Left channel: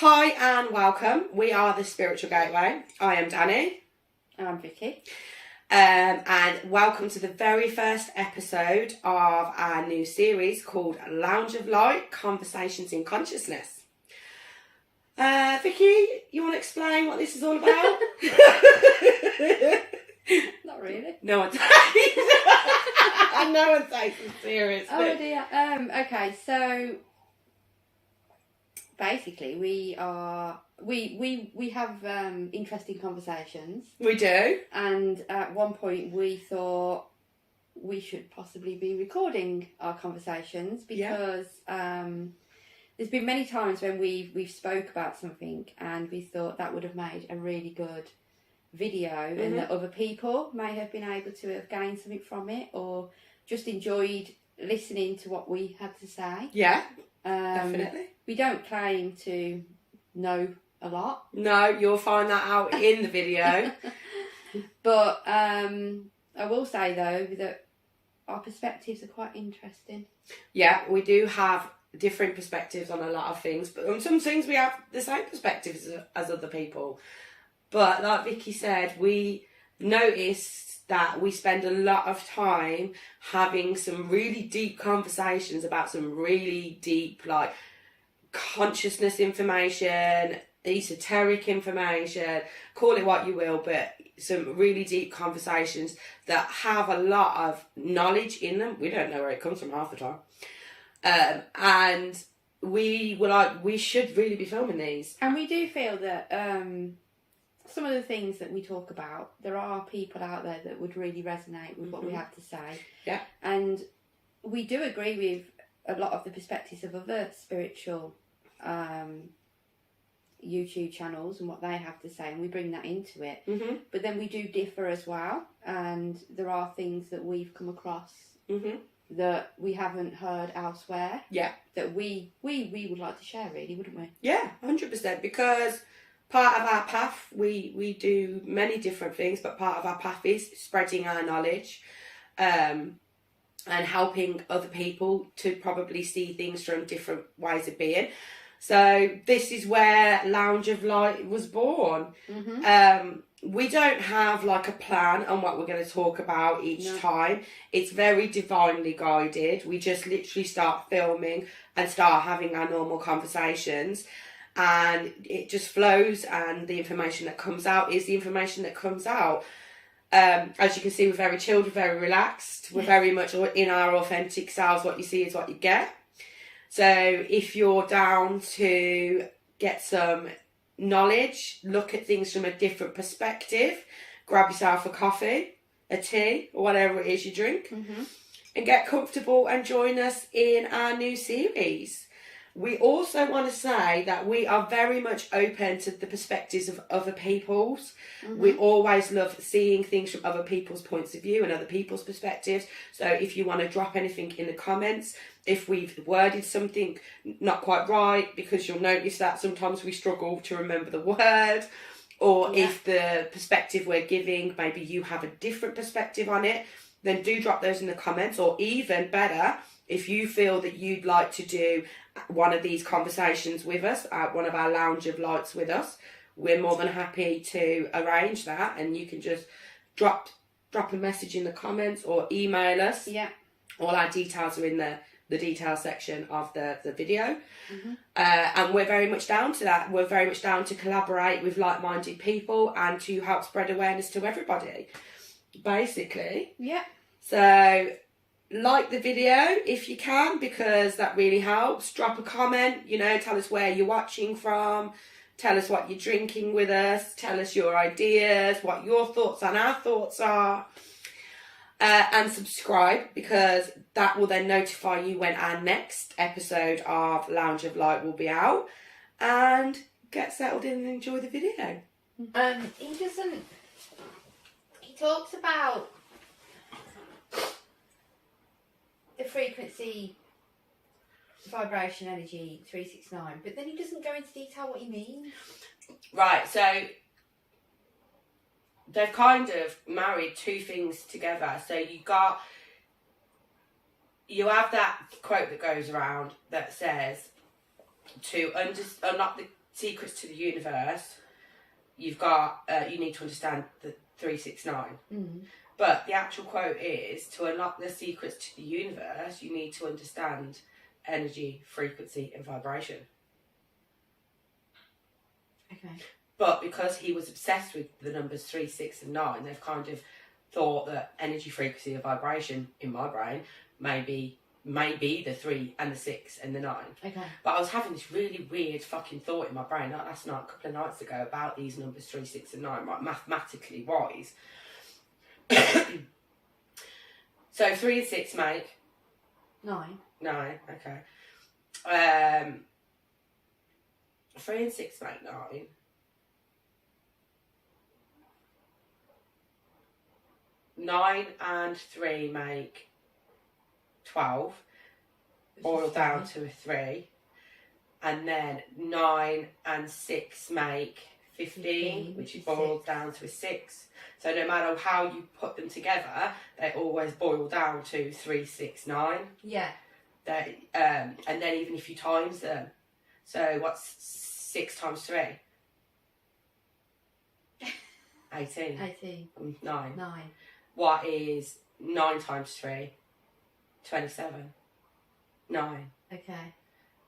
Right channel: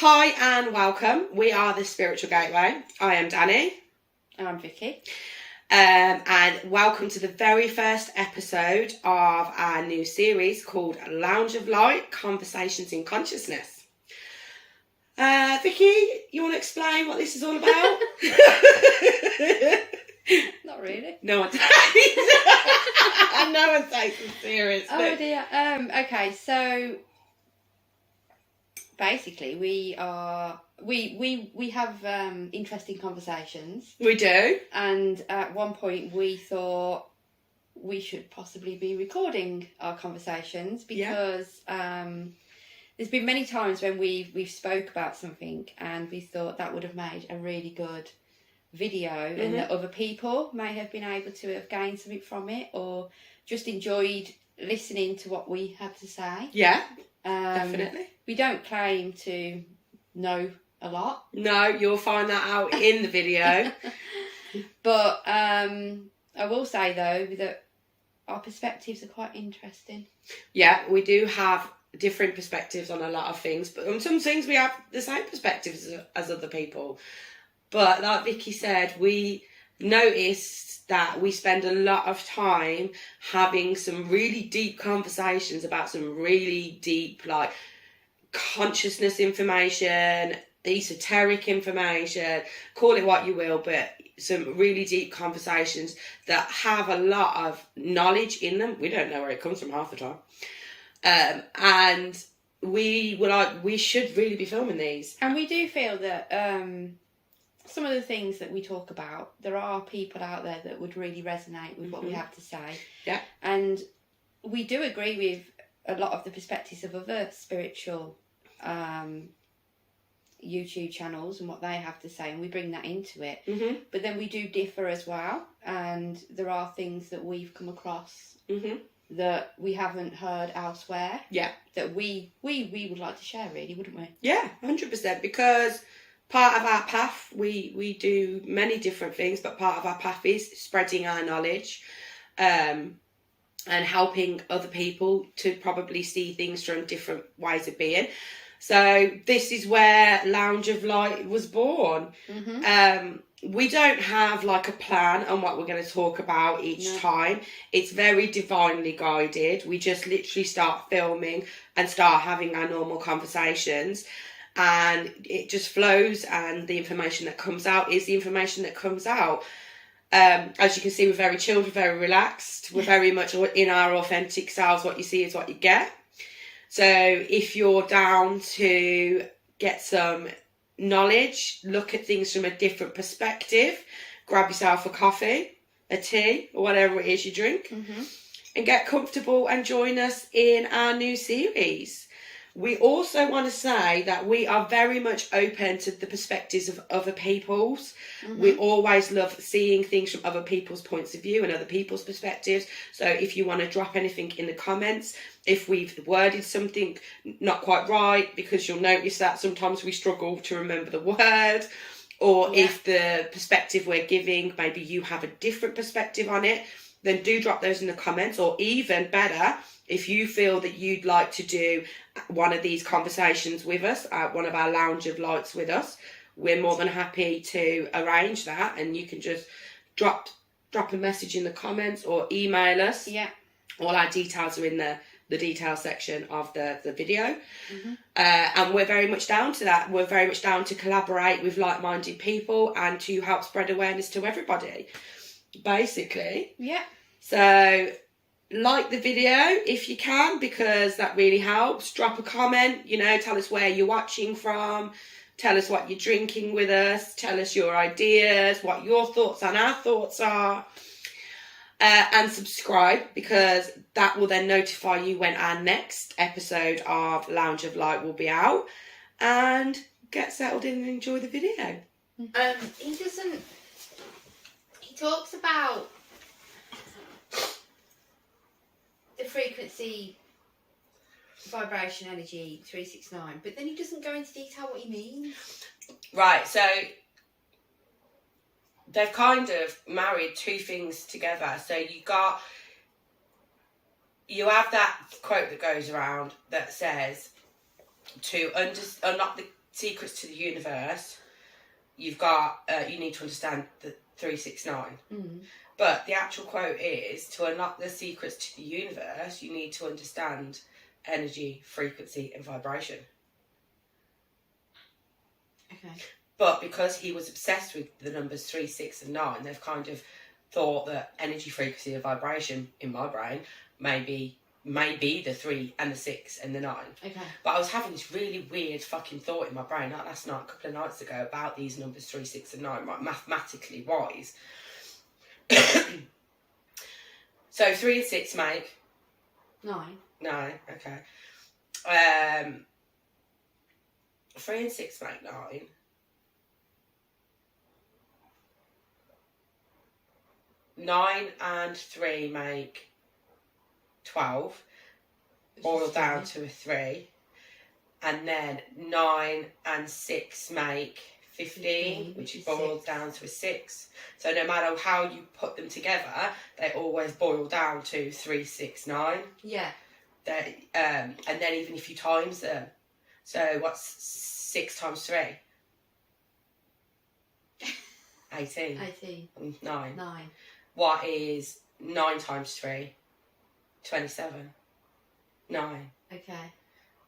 Hi and welcome. We are the Spiritual Gateway. I am Danny. And I'm Vicky. And welcome to the very first episode of our new series called Lounge of Light, Conversations in Consciousness. Vicky, you want to explain what this is all about? Not really. No one takes No one takes it seriously. Oh dear. Okay, so basically we have interesting conversations. We do. And at one point we thought we should possibly be recording our conversations because there's been many times when we've spoke about something and we thought that would have made a really good video and that other people may have been able to have gained something from it or just enjoyed listening to what we had to say. Yeah, definitely. We don't claim to know a lot. No, you'll find that out in the video. But I will say though that our perspectives are quite interesting. Yeah, we do have different perspectives on a lot of things, but on some things we have the same perspectives as other people. But like Vicky said, we noticed that we spend a lot of time having some really deep conversations about some really deep, like, consciousness information, esoteric information, call it what you will, but some really deep conversations that have a lot of knowledge in them. We don't know where it comes from half the time. And we were like, we should really be filming these. And we do feel that some of the things that we talk about, there are people out there that would really resonate with what we have to say. Yeah. And we do agree with a lot of the perspectives of other spiritual YouTube channels and what they have to say, and we bring that into it. But then we do differ as well, and there are things that we've come across that we haven't heard elsewhere. Yeah. That we would like to share, really, wouldn't we? Yeah, 100%, because part of our path, we do many different things, but part of our path is spreading our knowledge and helping other people to probably see things from different ways of being. So this is where Lounge of Light was born. We don't have like a plan on what we're going to talk about each time. It's very divinely guided. We just literally start filming and start having our normal conversations. And it just flows, and the information that comes out is the information that comes out. As you can see, we're very chilled, we're very relaxed. We're very much in our authentic selves. What you see is what you get. So if you're down to get some knowledge, look at things from a different perspective, grab yourself a coffee, a tea, or whatever it is you drink, and get comfortable and join us in our new series. We also want to say that we are very much open to the perspectives of other people's. We always love seeing things from other people's points of view and other people's perspectives. So if you want to drop anything in the comments, if we've worded something not quite right, because you'll notice that sometimes we struggle to remember the word, or if the perspective we're giving, maybe you have a different perspective on it, then do drop those in the comments. Or even better, if you feel that you'd like to do one of these conversations with us, one of our Lounge of Lights with us, we're more than happy to arrange that, and you can just drop a message in the comments or email us. Yeah. All our details are in the detail section of the video. And we're very much down to that. We're very much down to collaborate with like-minded people and to help spread awareness to everybody, basically. Yeah. So like the video if you can, because that really helps. Drop a comment, tell us where you're watching from, tell us what you're drinking with us, tell us your ideas, what your thoughts and our thoughts are, and subscribe, because that will then notify you when our next episode of Lounge of Light will be out. And get settled in and enjoy the video. He talks about the frequency, vibration, energy, 369, but then he doesn't go into detail what he means. Right, so they've kind of married two things together. So you have that quote that goes around that says to secrets to the universe, you've got, you need to understand the 369. But the actual quote is, to unlock the secrets to the universe, you need to understand energy, frequency, and vibration. Okay. But because he was obsessed with the numbers 3, 6, and 9, they've kind of thought that energy, frequency, and vibration in my brain may be the 3 and the 6 and the 9. Okay. But I was having this really weird fucking thought in my brain, like last night, a couple of nights ago, about these numbers 3, 6, and 9, like mathematically wise. So 3 and 6 make 9. 9. Okay. 3 and 6 make 9. 9 and 3 make 12, boiled down to a 3. And then 9 and 6 make 15, which is boiled down to a 6. So no matter how you put them together, they always boil down to 3, 6, 9. Yeah. And then even if you times them, so what's 6 times 3? 18. 18. 9. 9. What is 9 times 3? 27. 9. Okay.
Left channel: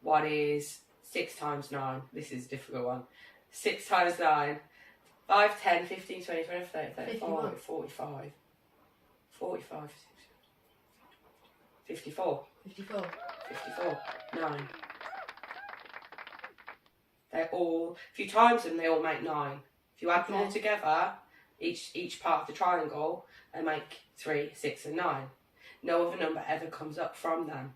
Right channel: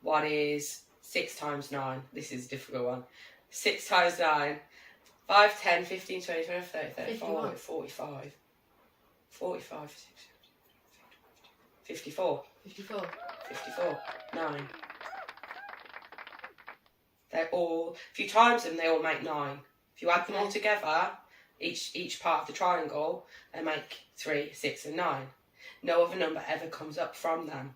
What is 6 times 9? This is a difficult one. 6 times 9. 5, 10, 15, 20, 25, 30, 35, 45. 45. 54. 54. 54. 9. They're all, if you times them, they all make 9. If you add them all together, each part of the triangle, they make 3, 6, and 9. No other number ever comes up from them.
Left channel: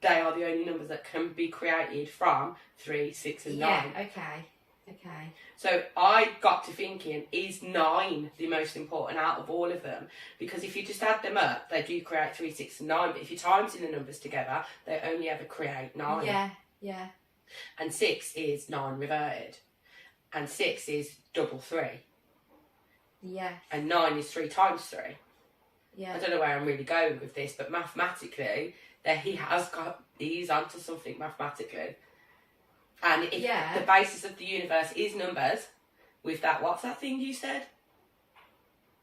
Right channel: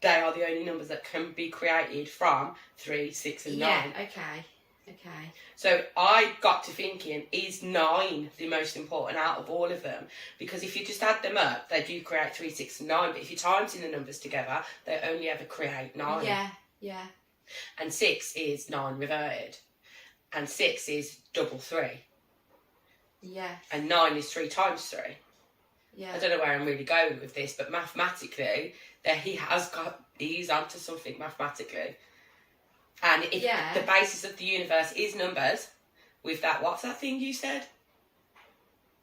They are the only numbers that can be created from 3, 6, and 9. Yeah, okay. Okay. So I got to thinking, is 9 the most important out of all of them? Because if you just add them up, they do create 3, 6, and 9. But if you times in the numbers together, they only ever create 9. Yeah, yeah. And 6 is 9 reverted. And 6 is double 3. Yes. And 9 is 3 times 3. Yeah. I don't know where I'm really going with this, but mathematically, he's onto something mathematically. And if the basis of the universe is numbers, with that, what's that thing you said?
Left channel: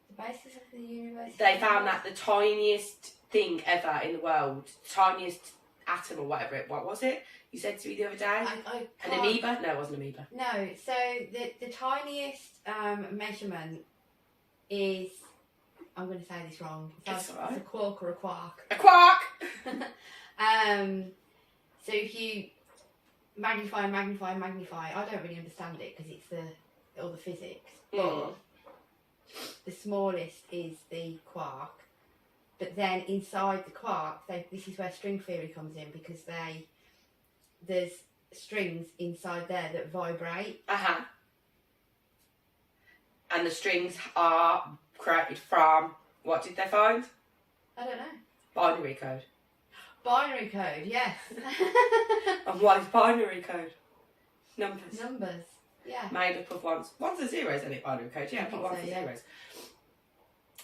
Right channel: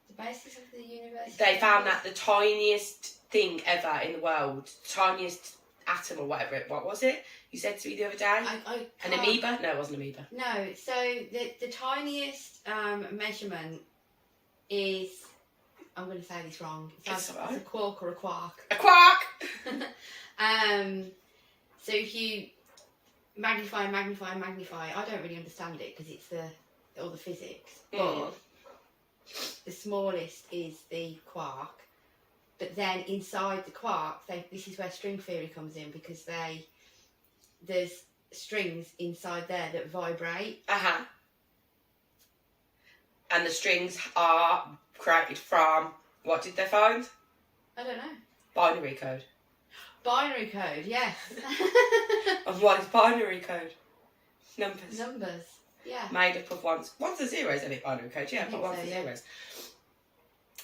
The basis of the universe. They found that the tiniest thing ever in the world, tiniest atom or whatever what was it? You said to me the other day? An amoeba? No, it wasn't an amoeba. No, so the tiniest measurement is, I'm going to say this wrong. It's a quark or a quark. A quark! So if you magnify, I don't really understand it because it's all the physics. But the smallest is the quark. But then inside the quark, this is where string theory comes in, because there's strings inside there that vibrate. And the strings are created from, what did they find? I don't know. Binary code. Binary code, yes. And what is binary code? Numbers. Numbers, yeah. Made up of ones and zeros, isn't it? Binary code, yeah, but ones and yeah. zeros.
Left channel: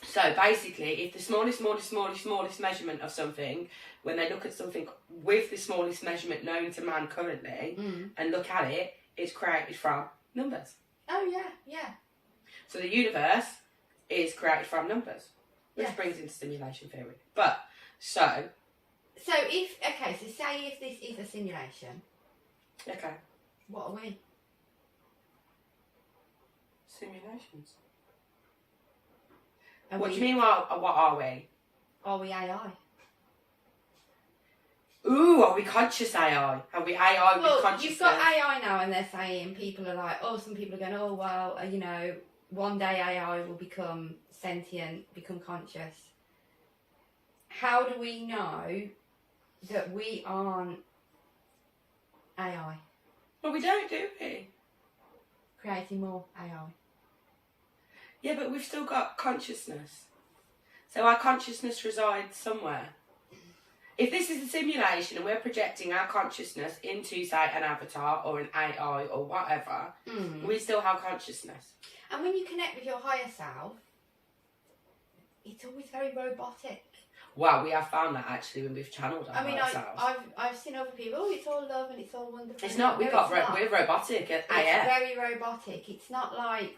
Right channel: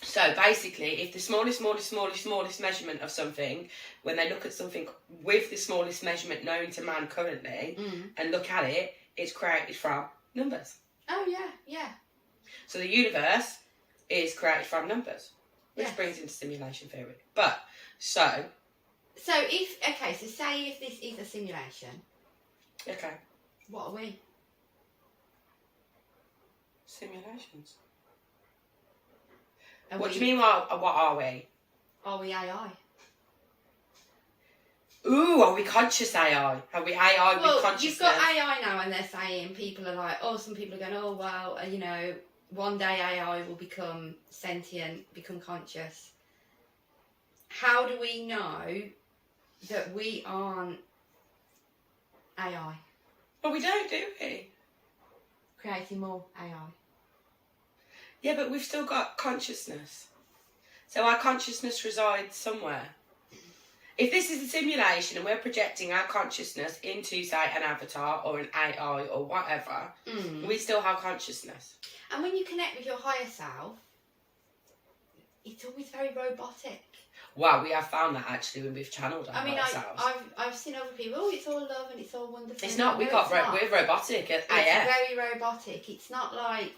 So basically, if the smallest measurement of something, when they look at something with the smallest measurement known to man currently, and look at it, it's created from numbers. Oh, yeah, yeah. So the universe is created from numbers, which brings into simulation theory. So say if this is a simulation. Okay. What are we? Simulations. What do you mean, what are we? Are we AI? Ooh, are we conscious AI? Are we AI with consciousness? You've got AI now, and they're saying, people are like, some people are going, well, one day AI will become sentient, become conscious. How do we know that we aren't AI? Well, we don't, do we? Creating more AI. Yeah, but we've still got consciousness. So our consciousness resides somewhere. If this is a simulation and we're projecting our consciousness into, say, an avatar or an AI or whatever, we still have consciousness. And when you connect with your higher self, it's always very robotic. Well, we have found that actually when we've channeled ourselves. I've seen other people. Oh, it's all love and it's all wonderful. It's not. We're robotic at AF. It's very robotic. It's not like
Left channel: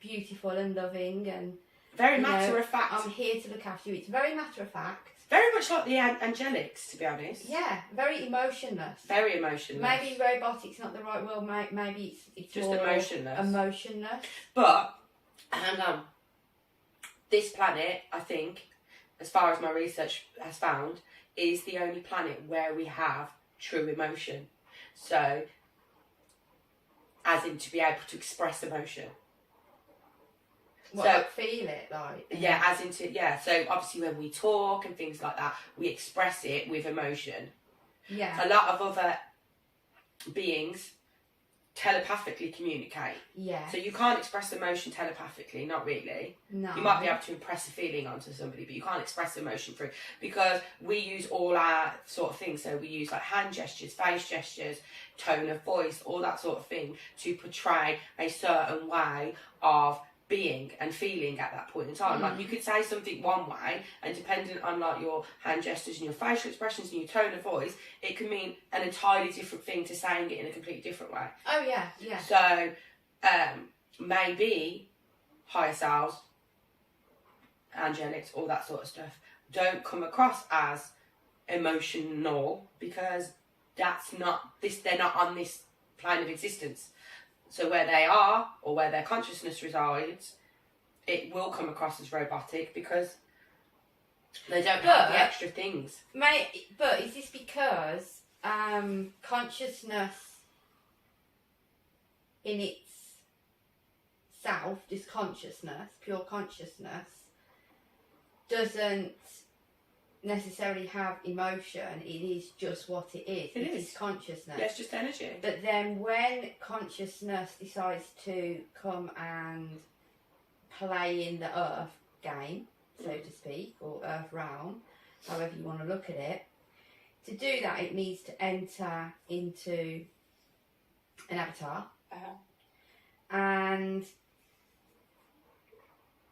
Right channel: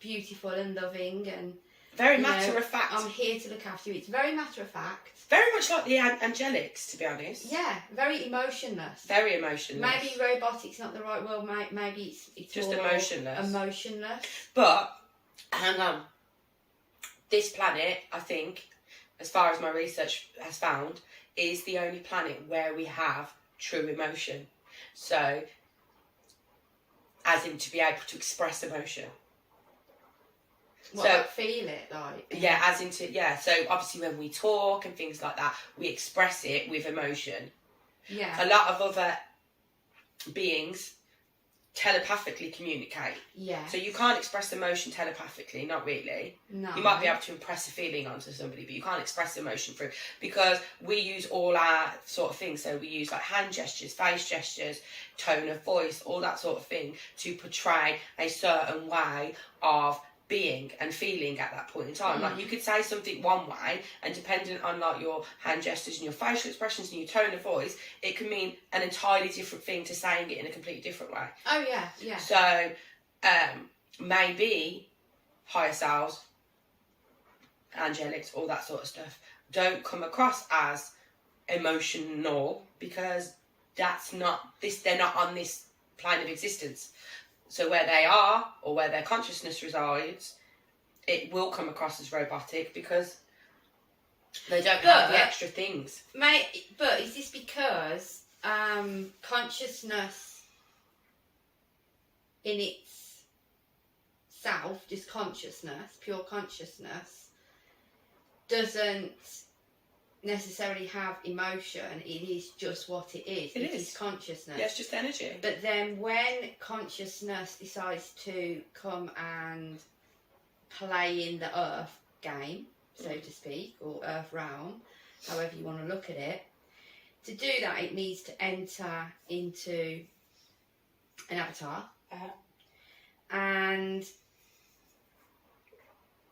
beautiful and loving and very matter of fact. I'm here to look after you. It's very matter of fact. Very much like the angelics, to be honest. Yeah, very emotionless. Very emotionless. Maybe robotic's not the right word. Maybe it's just more emotionless. Emotionless. But hang on. This planet, I think, as far as my research has found, is the only planet where we have true emotion. So, as in to be able to express emotion. What, so, like feel it, like? Yeah, as into, yeah. So, obviously when we talk and things like that, we express it with emotion. Yeah. A lot of other beings telepathically communicate. Yeah. So you can't express emotion telepathically, not really. No. You might be able to impress a feeling onto somebody, but you can't express emotion through, because we use all our sort of things. So we use like hand gestures, face gestures, tone of voice, all that sort of thing to portray a certain way of being and feeling at that point in time. Like you could say something one way, and depending on like your hand gestures and your facial expressions and your tone of voice, it can mean an entirely different thing to saying it in a completely different way. Oh yeah, yeah. So maybe higher selves, angelics, all that sort of stuff don't come across as emotional because that's not this. They're not on this plane of existence. So where they are, or where their consciousness resides, it will come across as robotic because they don't have the extra things. But is this because consciousness in its self, just consciousness, pure consciousness, doesn't necessarily have emotion? It is just what it is. It is consciousness. Yeah, it's just energy. But then when consciousness decides to come and play in the earth game, so to speak, or earth realm, however you want to look at it, to do that it needs to enter into an avatar. And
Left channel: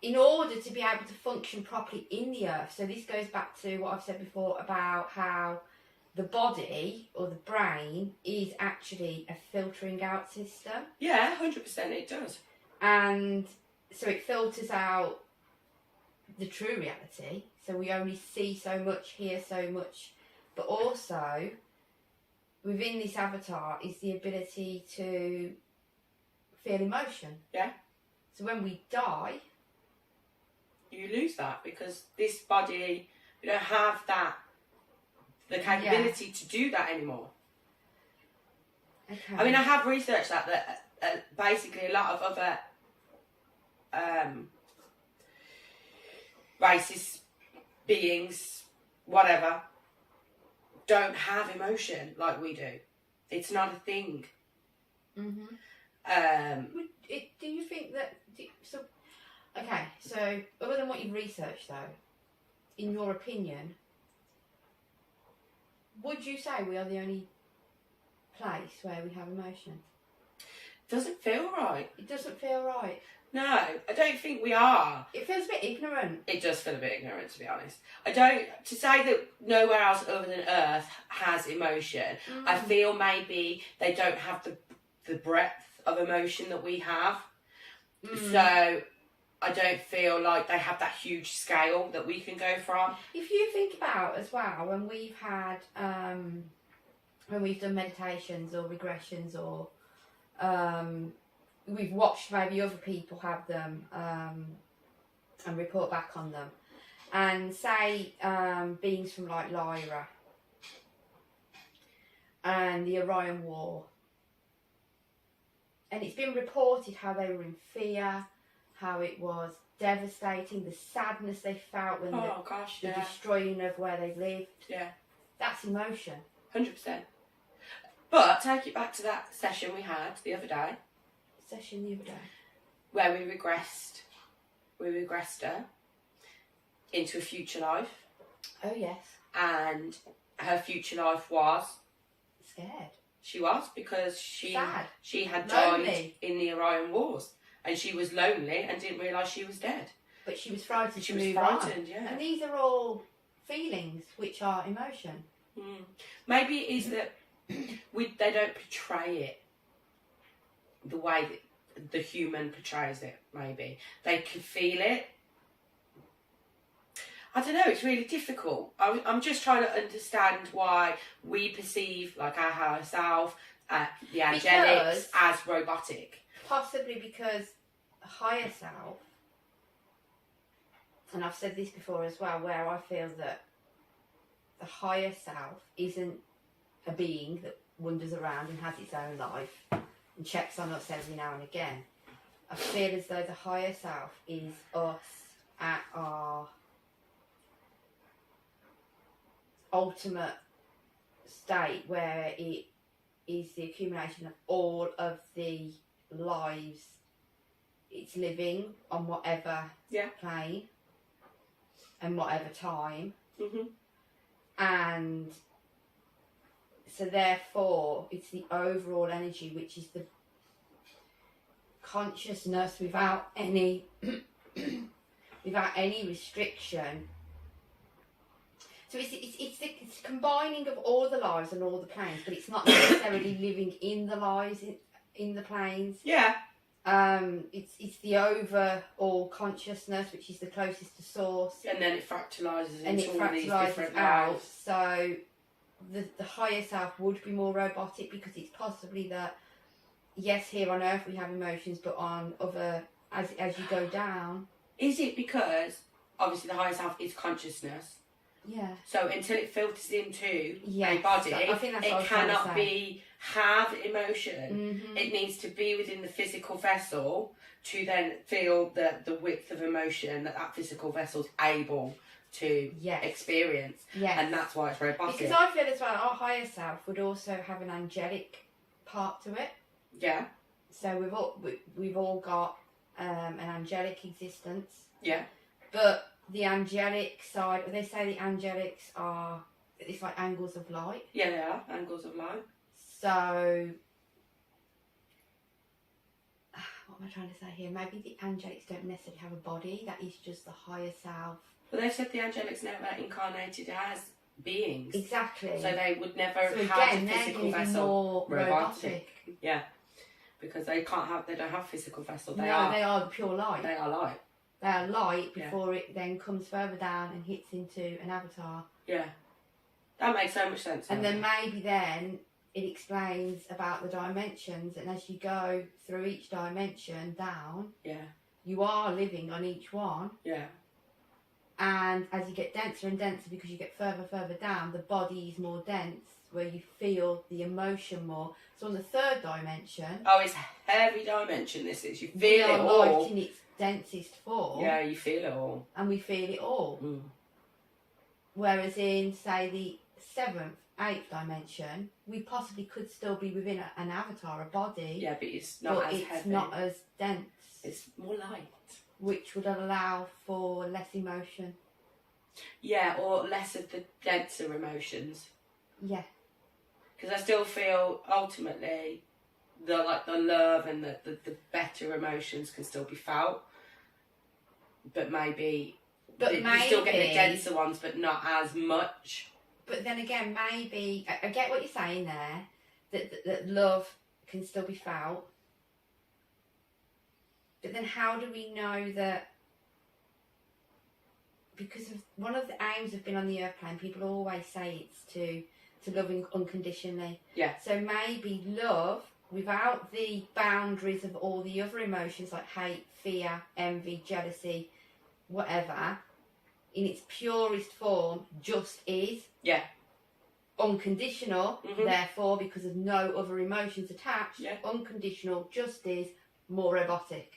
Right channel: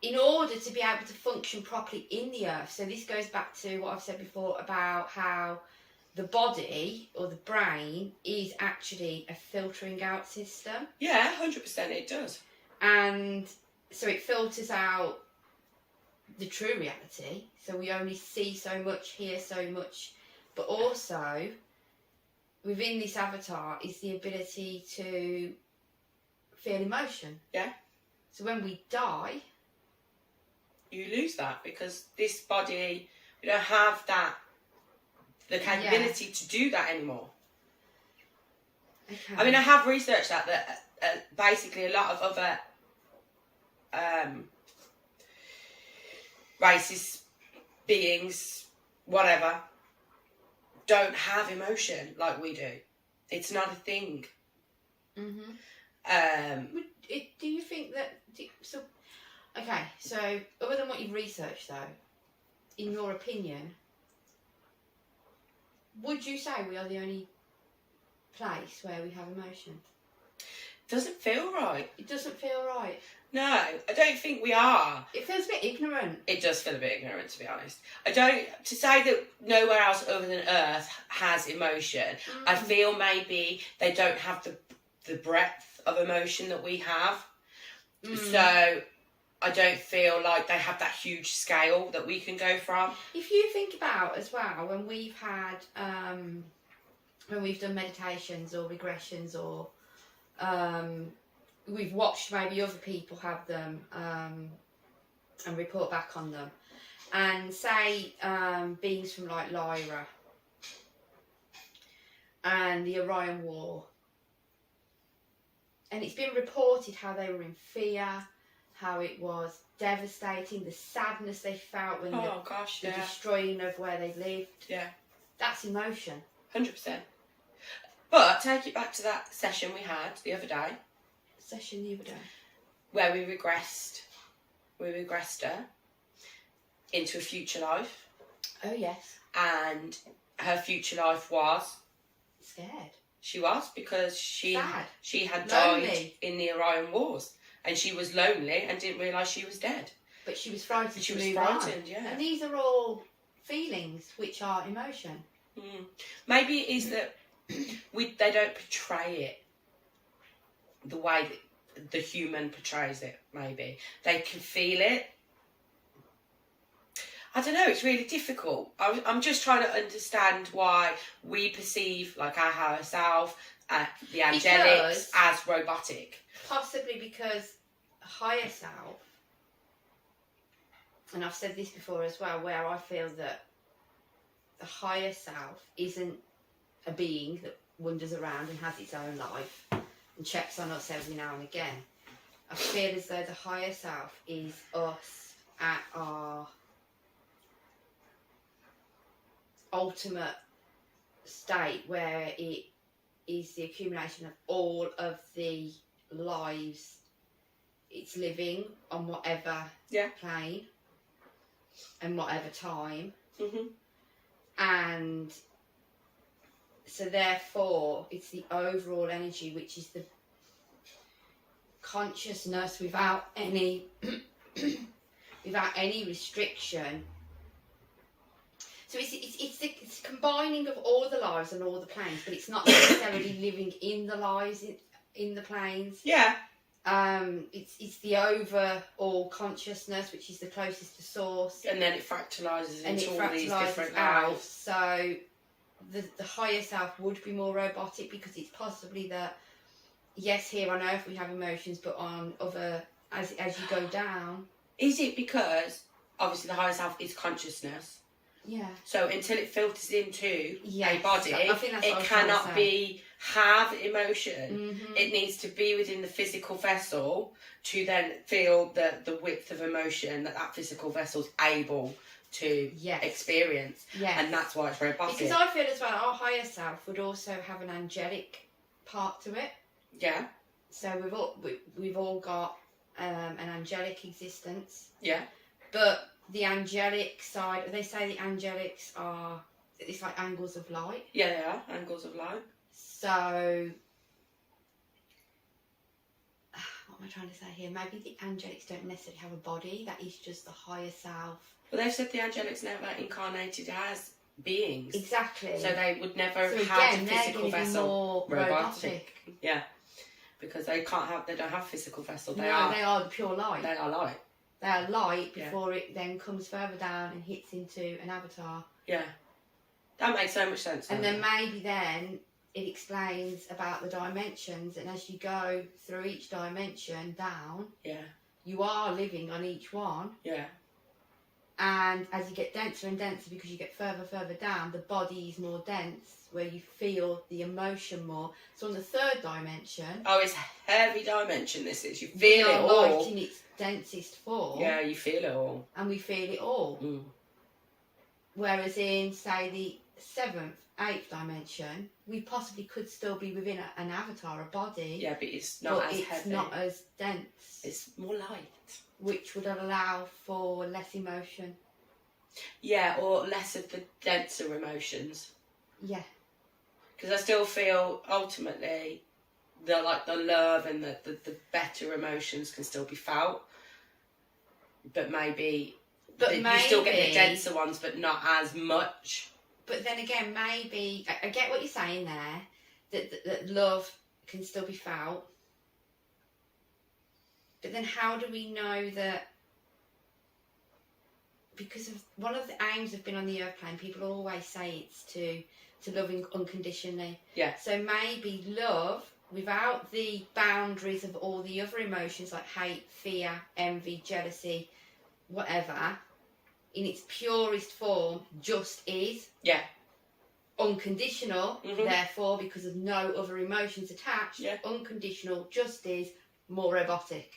in order to be able to function properly in the earth, so this goes back to what I've said before about how the body or the brain is actually a filtering out system. Yeah, 100% it does. And so it filters out the true reality. So we only see so much, hear so much. But also, within this avatar is the ability to feel emotion. Yeah. So when we die, you lose that because this body, we don't have that, the capability to do that anymore. Okay. I mean, I have researched that basically a lot of other races, beings, whatever, don't have emotion like we do. It's not a thing. Mm-hmm. Do you think that... Okay, so other than what you've researched though, in your opinion, would you say we are the only place where we have emotion? Doesn't feel right. It doesn't feel right. No, I don't think we are. It feels a bit ignorant. It does feel a bit ignorant, to be honest. To say that nowhere else other than Earth has emotion, I feel maybe they don't have the breadth of emotion that we have. So I don't feel like they have that huge scale that we can go from. If you think about as well, when we've had, when we've done meditations or regressions or we've watched maybe other people have them and report back on them, and say beings from like Lyra and the Orion War, and it's been reported how they were in fear, how it was devastating, the sadness they felt when the destroying of where they lived. Yeah. That's emotion. 100%. But take it back to that session we had the other day. Where we regressed her into a future life. Oh, yes. And her future life was... scared. She was, because she had lonely. Died in the Orion Wars. And she was lonely and didn't realise she was dead. But she was frightened. She was frightened, yeah. And these are all feelings, which are emotion. Maybe it is that they don't portray it the way that the human portrays it. Maybe they can feel it. I don't know, it's really difficult. I'm just trying to understand why we perceive like our higher self, the angelics, as robotic. Possibly because a higher self, and I've said this before as well, where I feel that the higher self isn't a being that wanders around and has its own life and checks on us every now and again. I feel as though the higher self is us at our ultimate state, where it is the accumulation of all of the lives it's living on whatever plane and whatever time. And so therefore it's the overall energy, which is the consciousness without any without any restriction. So it's the combining of all the lives and all the planes, but it's not necessarily living in the lives in the planes. Yeah. It's the overall consciousness, which is the closest to source, and then it fractalizes into all these different out. lives. So the higher self would be more robotic, because it's possibly that, yes, here on Earth we have emotions, but on other, as you go down. Is it because obviously the higher self is consciousness? Yeah. So until it filters into a body, I think that's what it cannot have emotion. It needs to be within the physical vessel to then feel the width of emotion that physical vessel's able to experience. Yes. And that's why it's robotic. Because I feel as well, our higher self would also have an angelic part to it. Yeah. So we've all got an angelic existence. Yeah. But the angelic side, they say the angelics are, it's like angles of light. Yeah, they are angles of light. So, what am I trying to say here? Maybe the angelics don't necessarily have a body. That is just the higher self. But they've said the angelics never incarnated as beings. Exactly. So they would never have a physical vessel. Robotic. Yeah. Because they don't have physical vessel. They are the pure light. They are light. They are light before it then comes further down and hits into an avatar. Yeah. That makes so much sense. And then maybe then it explains about the dimensions, and as you go through each dimension down, you are living on each one. Yeah. And as you get denser and denser, because you get further down, the body is more dense, where you feel the emotion more. So on the third dimension... Oh, it's a heavy dimension, this is. You feel it all. Light in its densest form. Yeah, you feel it all. And we feel it all. Whereas in, say, the 7th, 8th dimension, we possibly could still be within an avatar, a body. Yeah, but it's not as heavy. It's not as dense. It's more light. Which would allow for less emotion. Yeah, or less of the denser emotions. Yeah. Because I still feel, ultimately, the love and the better emotions can still be felt. But maybe you still get the denser ones, but not as much. But then again, maybe I get what you're saying there, that love can still be felt. But then how do we know that? Because of one of the aims of being on the earth plane, people always say it's to love unconditionally. Yeah. So maybe love, without the boundaries of all the other emotions like hate, fear, envy, jealousy, whatever, in its purest form, just is. Yeah. Unconditional, therefore, because of no other emotions attached, unconditional, just is, more robotic.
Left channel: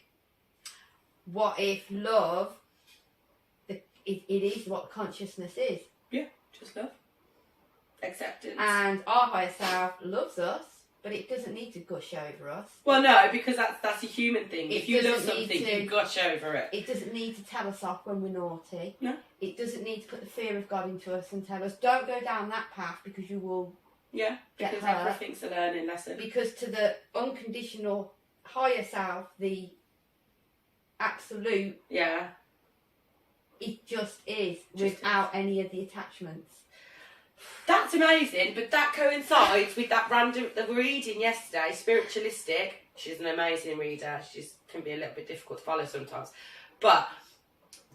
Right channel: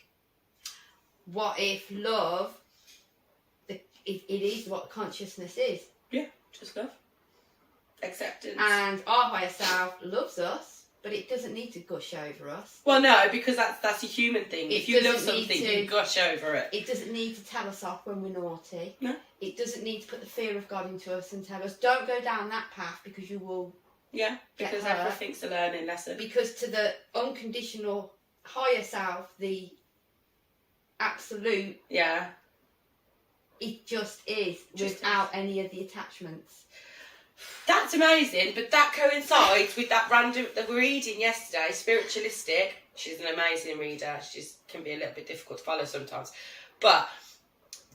What if love, it is what consciousness is? Yeah, just love. Acceptance. And our higher self loves us, but it doesn't need to gush over us. Well, no, because that's a human thing. If you love something, you gush over it. It doesn't need to tell us off when we're naughty. No. It doesn't need to put the fear of God into us and tell us, don't go down that path because you will because everything's a learning lesson. Because to the unconditional higher self, the absolute It just is, without any of the attachments. That's amazing, but that coincides with that the reading yesterday, spiritualistic. She's an amazing reader. She can be a little bit difficult to follow sometimes. But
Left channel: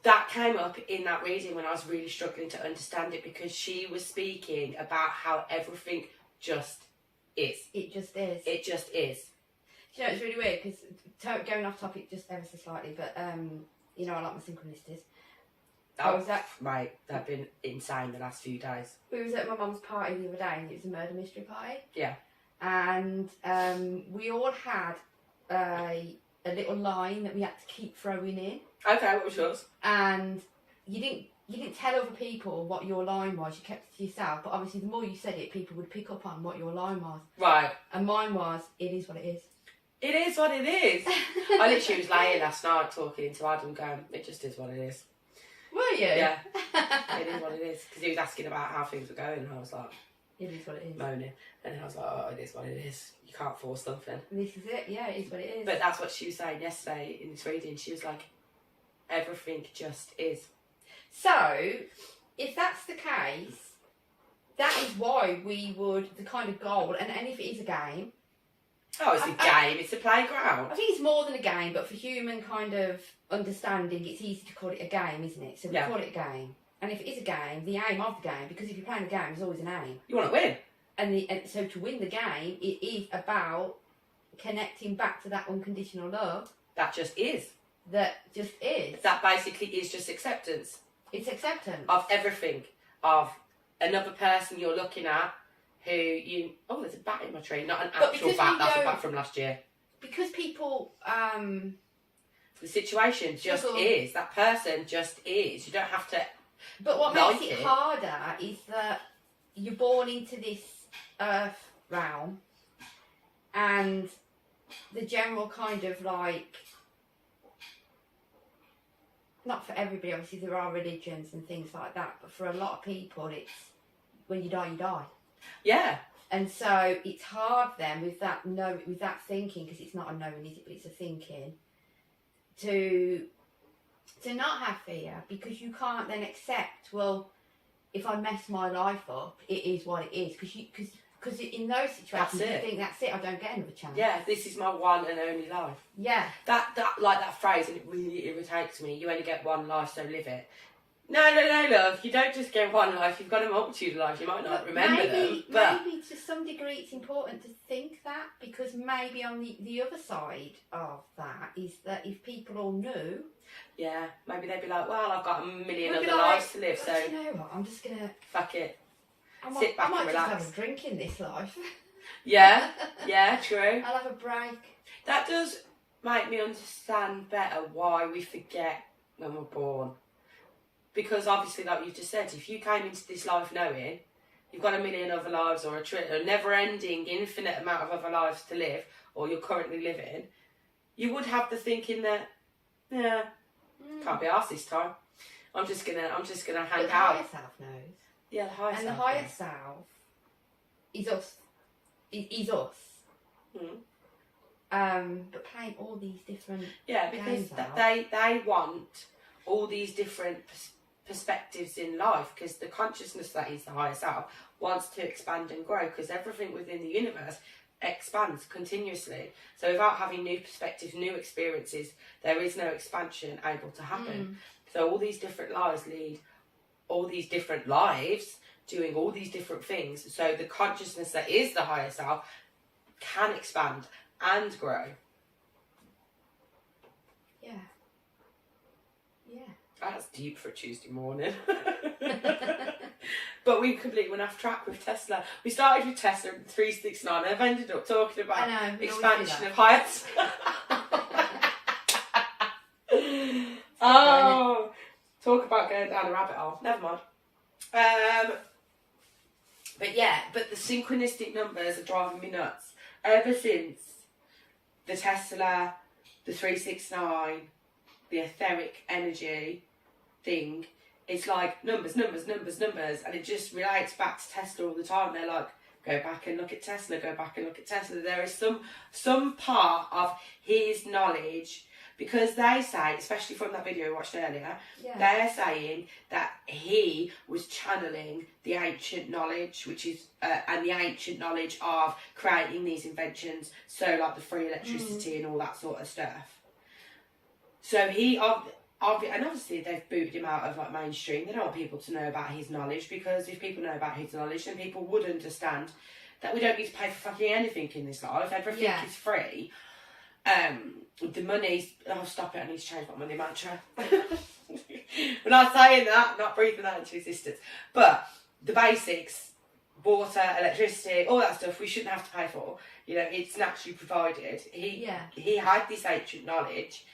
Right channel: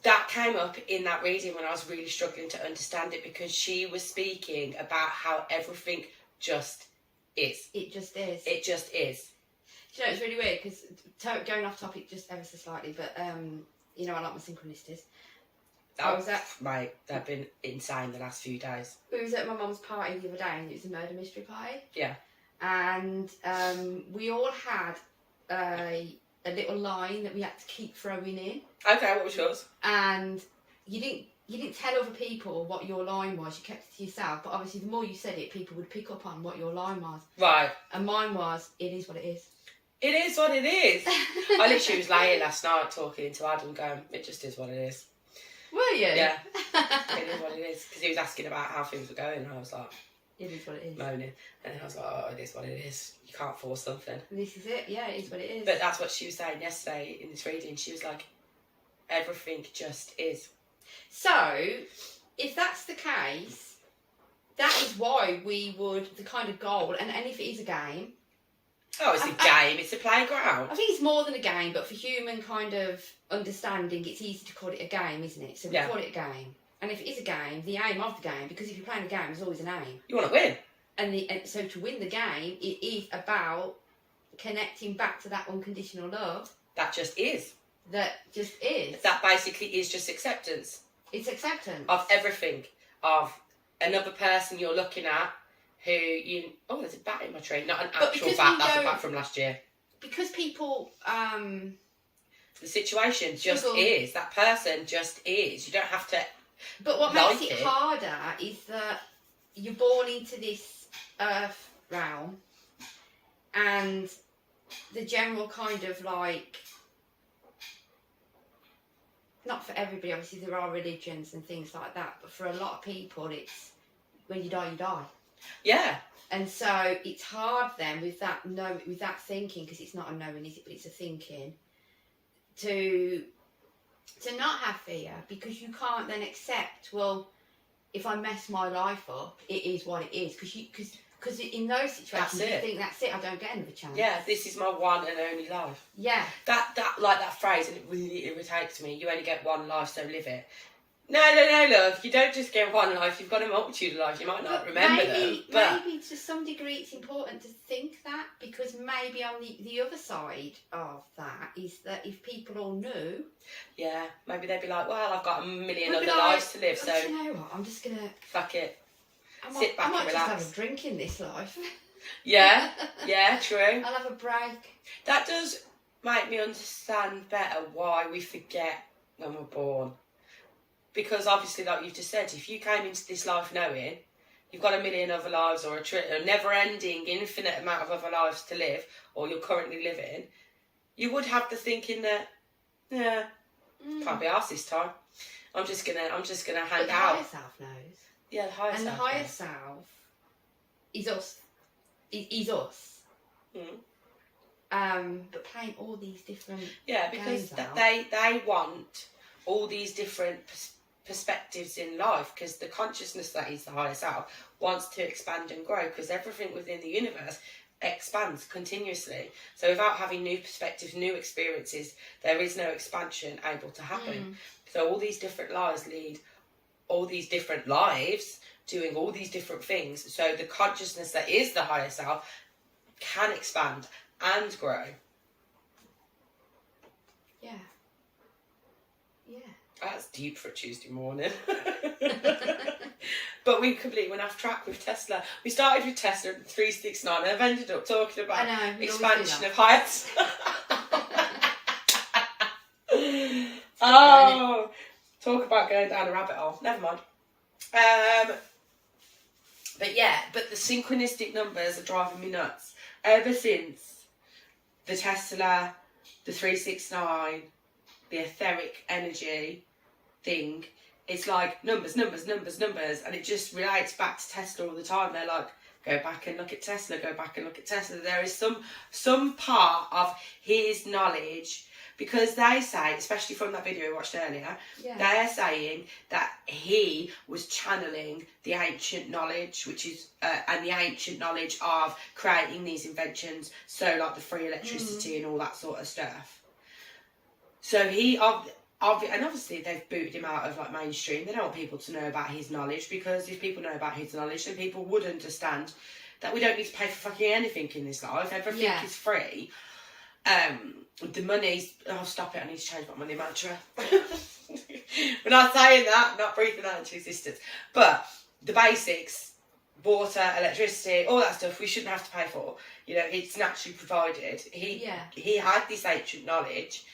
that came up in that reading when I was really struggling to understand it, because she was speaking about how everything just is. It just is. It just is. Do you know, it's really weird, because going off topic just ever so slightly, but you know, I like my synchronicities. Mate, they've been insane the last few days. We was at my mum's party the other day, and it was a murder mystery party. Yeah. And we all had a little line that we had to keep throwing in. Okay, what was yours? And you didn't tell other people what your line was. You kept it to yourself. But obviously, the more you said it, people would pick up on what your line was. Right. And mine was, "It is what it is." It is what it is. I literally was laying last night talking to Adam, going, "It just is what it is." Were you? Yeah. It is what it is. Because he was asking about how things were going, and I was like, "It is what it is." Moaning. And then I was like, "Oh, it is what it is. You can't force something." This is it. Yeah, it is what it is. But that's what she was saying yesterday in this reading. She was like, everything just is. So, if that's the case, that is why we would, the kind of goal, and if it is a game. Oh, it's a game. It's a playground. I think it's more than a game, but for human kind of understanding, it's easy to call it a game, isn't it? So we call it a game. And if it is a game, the aim of the game, because if you're playing a game, there's always an aim. You want to win. And so to win the game, it is about connecting back to that unconditional love. That just is. That just is. That basically is just acceptance. It's acceptance. Of everything. Of another person you're looking at who you... Oh, there's a bat in my tree. Not an actual bat. That's a bat from last year. Because people... The situation just is. That person just is. You don't have to... But what makes it harder is that you're born into this earth realm, and the general kind of like, not for everybody, obviously there are religions and things like that, but for a lot of people it's when you die, you die. Yeah. And so it's hard then with that thinking, because it's not a knowing, is it, but it's a thinking, to not have fear, because you can't then accept, well, if I mess my life up, it is what it is. Because in those situations, you think, that's it, I don't get another chance. Yeah, this is my one and only life. Yeah. That phrase, and it really irritates me. You only get one life, so live it. No, love. You don't just get one life. You've got a multitude of lives. You might not remember them. But maybe to some degree it's important to think that, because maybe on the other side of that is that if people all knew... Yeah, maybe they'd be like, well, I've got a million other lives to live, so... You know what, I'm just going to... Fuck it. Sit back and relax. I might just have a drink in this life. Yeah, true. I'll have a break. That does make me understand better why we forget when we're born. Because obviously, like you just said, if you came into this life knowing you've got a million other lives, or a never-ending, infinite amount of other lives to live, or you're currently living, you would have the thinking that, can't be arsed this time. I'm just gonna hang out. The higher self knows. Yeah, the higher self. And the higher self is us. Is us. But playing all these different because they want all these different perspectives in life, because the consciousness that is the higher self wants to expand and grow, because everything within the universe expands continuously. So without having new perspectives, new experiences, there is no expansion able to happen. So all these different lives lead all these different lives, doing all these different things. So the consciousness that is the higher self can expand and grow. Yeah. That's deep for a Tuesday morning. But we completely went off track with Tesla. We started with Tesla 369 and I've ended up talking about expansion of heights. Oh, talk about going down a rabbit hole. Never mind. But the synchronistic numbers are driving me nuts. Ever since the Tesla, the 369, the etheric energy thing, it's like numbers, and it just relates back to Tesla all the time. They're like, go back and look at Tesla, go back and look at Tesla. There is some part of his knowledge Because they say, especially from that video we watched earlier, they're saying that he was channeling the ancient knowledge, which is, and the ancient knowledge of creating these inventions, so like the free electricity and all that sort of stuff. So he, and obviously they've booted him out of like mainstream. They don't want people to know about his knowledge, because if people know about his knowledge, then people would understand that we don't need to pay for fucking anything in this life. Everything is free. The money's... Oh, stop it. I need to change my money mantra. We're not saying that. I'm not breathing that into existence. But the basics, water, electricity, all that stuff, we shouldn't have to pay for. You know, it's naturally provided. He had this ancient knowledge.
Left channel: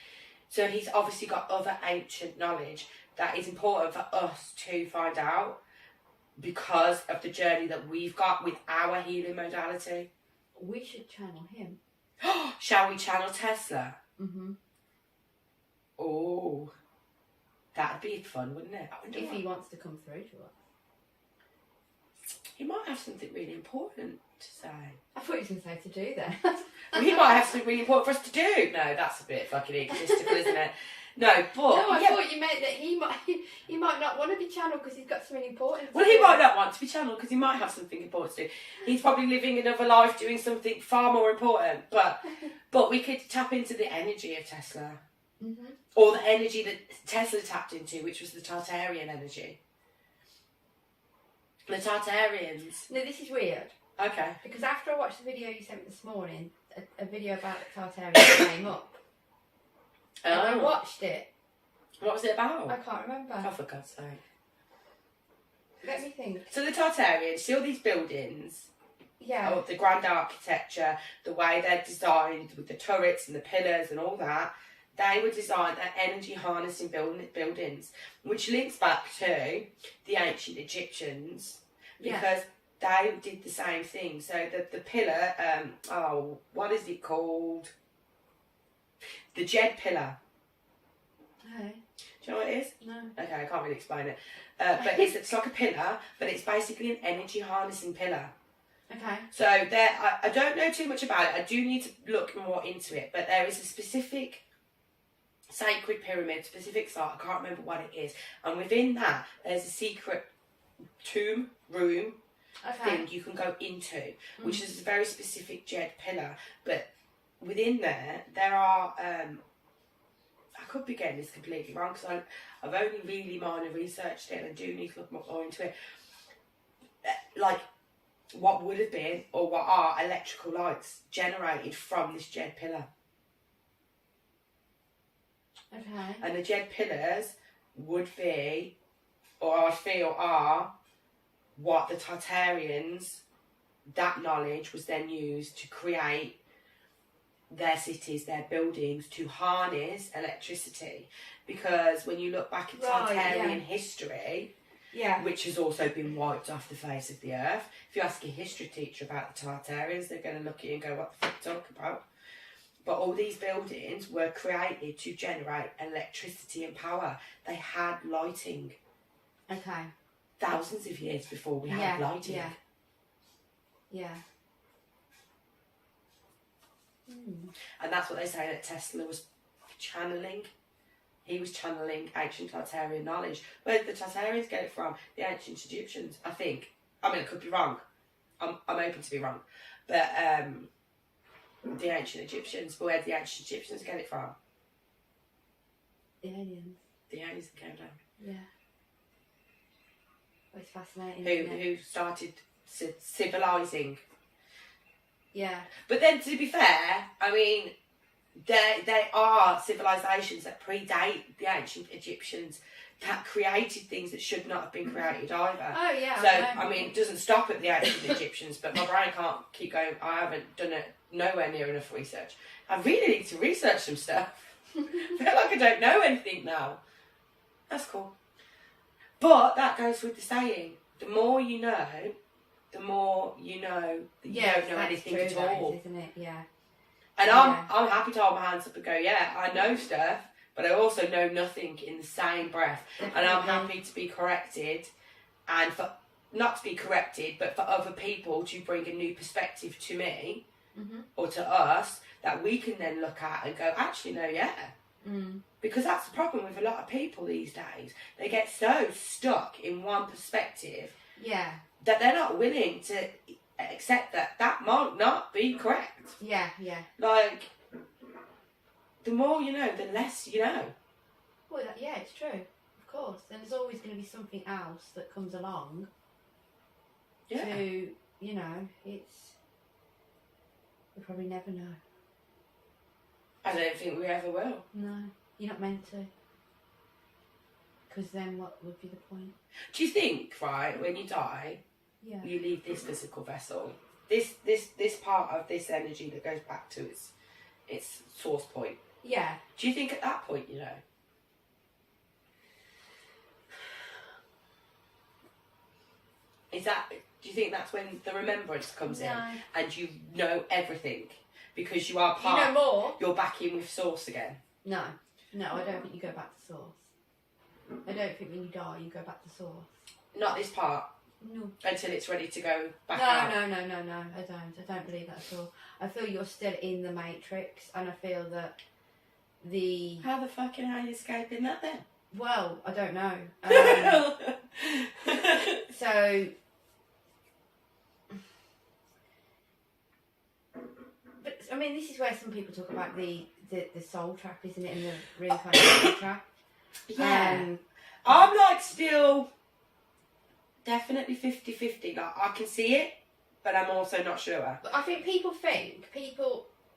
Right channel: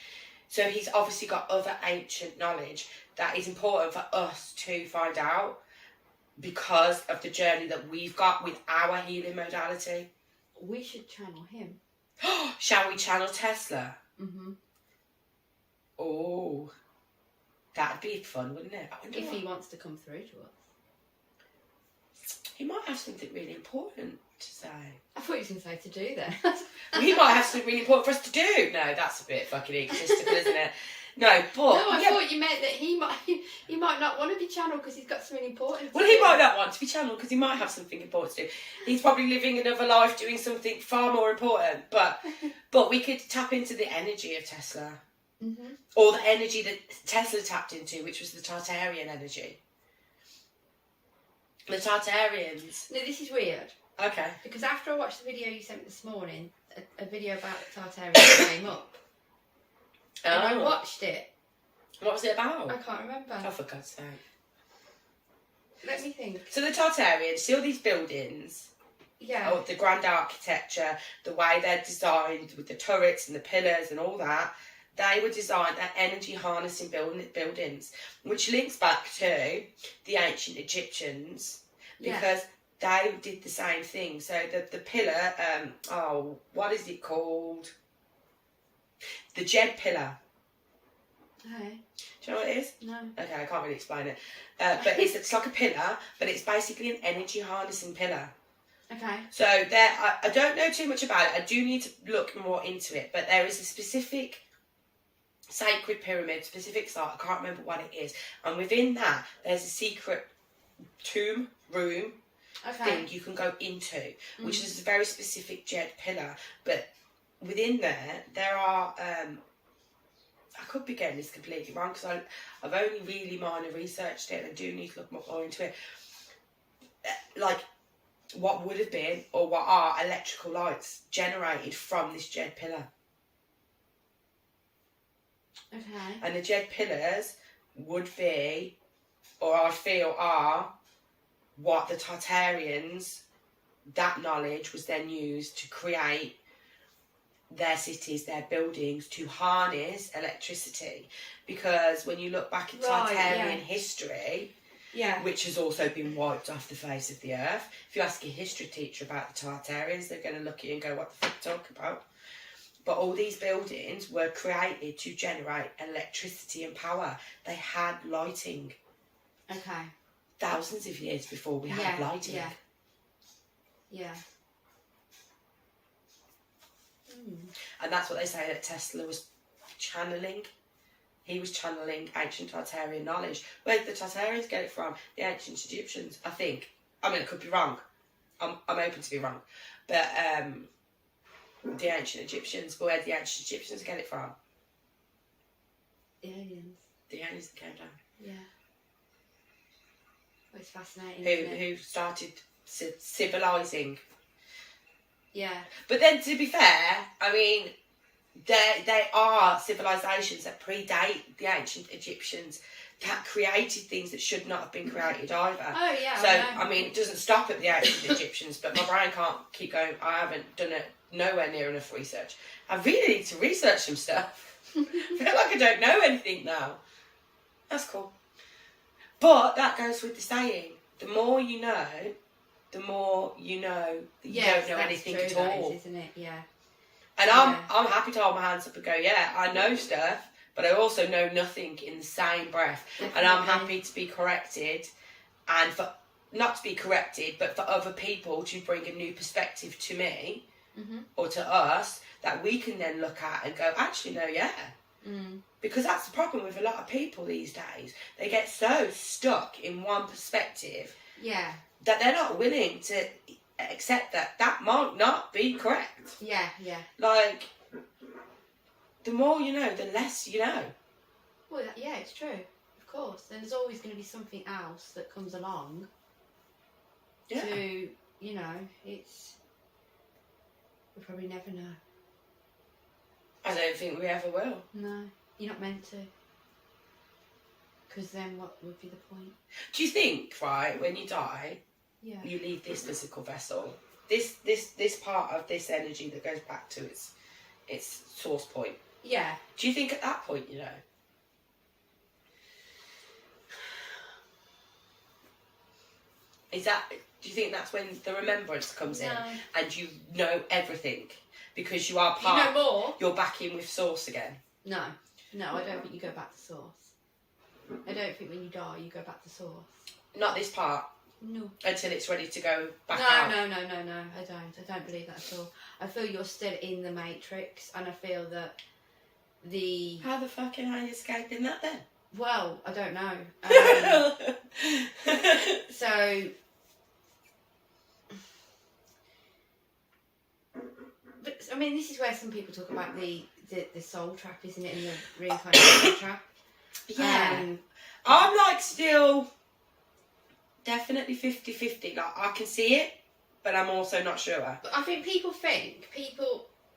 So he's obviously got other ancient knowledge that is important for us to find out, because of the journey that we've got with our healing modality. We should channel him. Shall we channel Tesla? Mm-hmm. Oh, that'd be fun, wouldn't it? If he wants to come through to us. He might have something really important to say. I thought he was going to say to do that. Well, he might have something really important for us to do. No, that's a bit fucking egotistical, isn't it? No, but... No, I thought you meant that he might not want to be channeled because he's got something important to Well, he might not want to be channeled because he might have something important to do. He's probably living another life doing something far more important. But we could tap into the energy of Tesla. Mm-hmm. Or the energy that Tesla tapped into, which was the Tartarian energy. The Tartarians. No, this is weird. Okay. Because after I watched the video you sent me this morning, a video about the Tartarians came up. And I watched it. What was it about? I can't remember. Oh, for God's sake. Let me think. So the Tartarians, see all these buildings? Yeah. Oh, the grand architecture, the way they're designed with the turrets and the pillars and all that. They were designed at energy harnessing buildings, which links back to the ancient Egyptians, because they did the same thing. So the pillar, what is it called? The Jed pillar. Okay. Do you know what it is? No. Okay, I can't really explain it. But it's like a pillar, but it's basically an energy harnessing pillar. Okay. So there, I don't know too much about it. I do need to look more into it. But there is a specific sacred pyramid, specific site. I can't remember what it is. And within that, there's a secret tomb room thing you can go into, which is a very specific Jed pillar. But within there are... I could be getting this completely wrong because I've only really minor researched it and I do need to look more into it. Like, what would have been or what are electrical lights generated from this Jed pillar. Okay. And the Jed pillars would be, or I feel are, what the Tartarians, that knowledge was then used to create their cities, their buildings, to harness electricity. Because when you look back at Tartarian history, which has also been wiped off the face of the earth, if you ask a history teacher about the Tartarians, they're going to look at you and go, what the fuck are you talking about? But all these buildings were created to generate electricity and power. They had lighting. Okay. Thousands of years before we had lighting. Yeah. And that's what they say that Tesla was channeling. He was channeling ancient Tartarian knowledge. Where did the Tartarians get it from? The ancient Egyptians, I think. I mean, it could be wrong. I'm open to be wrong. But the ancient Egyptians. But where did the ancient Egyptians get it from? The aliens. The aliens that came down. Yeah. Well, it's fascinating. Who started civilising. Yeah. But then, to be fair, I mean, there are civilisations that predate the ancient Egyptians that created things that should not have been created either. Oh, yeah. So, I mean, it doesn't stop at the ancient Egyptians, but my brain can't keep going. I haven't done it nowhere near enough research. I really need to research some stuff. I feel like I don't know anything now. That's cool. But that goes with the saying, the more you know, the more you know that you don't know anything at all. Is, isn't it? Yeah. And I'm happy to hold my hands up and go, yeah, I know stuff, but I also know nothing in the same breath. Definitely. And I'm happy to be corrected, and for not to be corrected, but for other people to bring a new perspective to me or to us that we can then look at and go, actually, no, yeah. Because that's the problem with a lot of people these days. They get so stuck in one perspective that they're not willing to accept that might not be correct. Yeah. Like, the more you know, the less you know. Well, yeah, it's true. Of course. And there's always going to be something else that comes along. Yeah. To, you know, we'll probably never know. I don't think we ever will. No, you're not meant to. Because then what would be the point? Do you think, right, when you die, you leave this physical vessel, this part of this energy that goes back to its source point? Yeah. Do you think at that point, you know? Do you think that's when the remembrance comes in and you know everything because you are part? You know more. You're back in with source again. No, I don't think you go back to source. I don't think when you die you go back to source. Not this part. No. Until it's ready to go back out. No. I don't believe that at all. I feel you're still in the matrix, and I feel that How the fucking are you escaping that then? Well, I don't know. So, but I mean, this is where some people talk about the soul trap, isn't it, and the reincarnation trap. Yeah. I'm like still definitely 50-50. Like, I can see it, but I'm also not sure. But I think people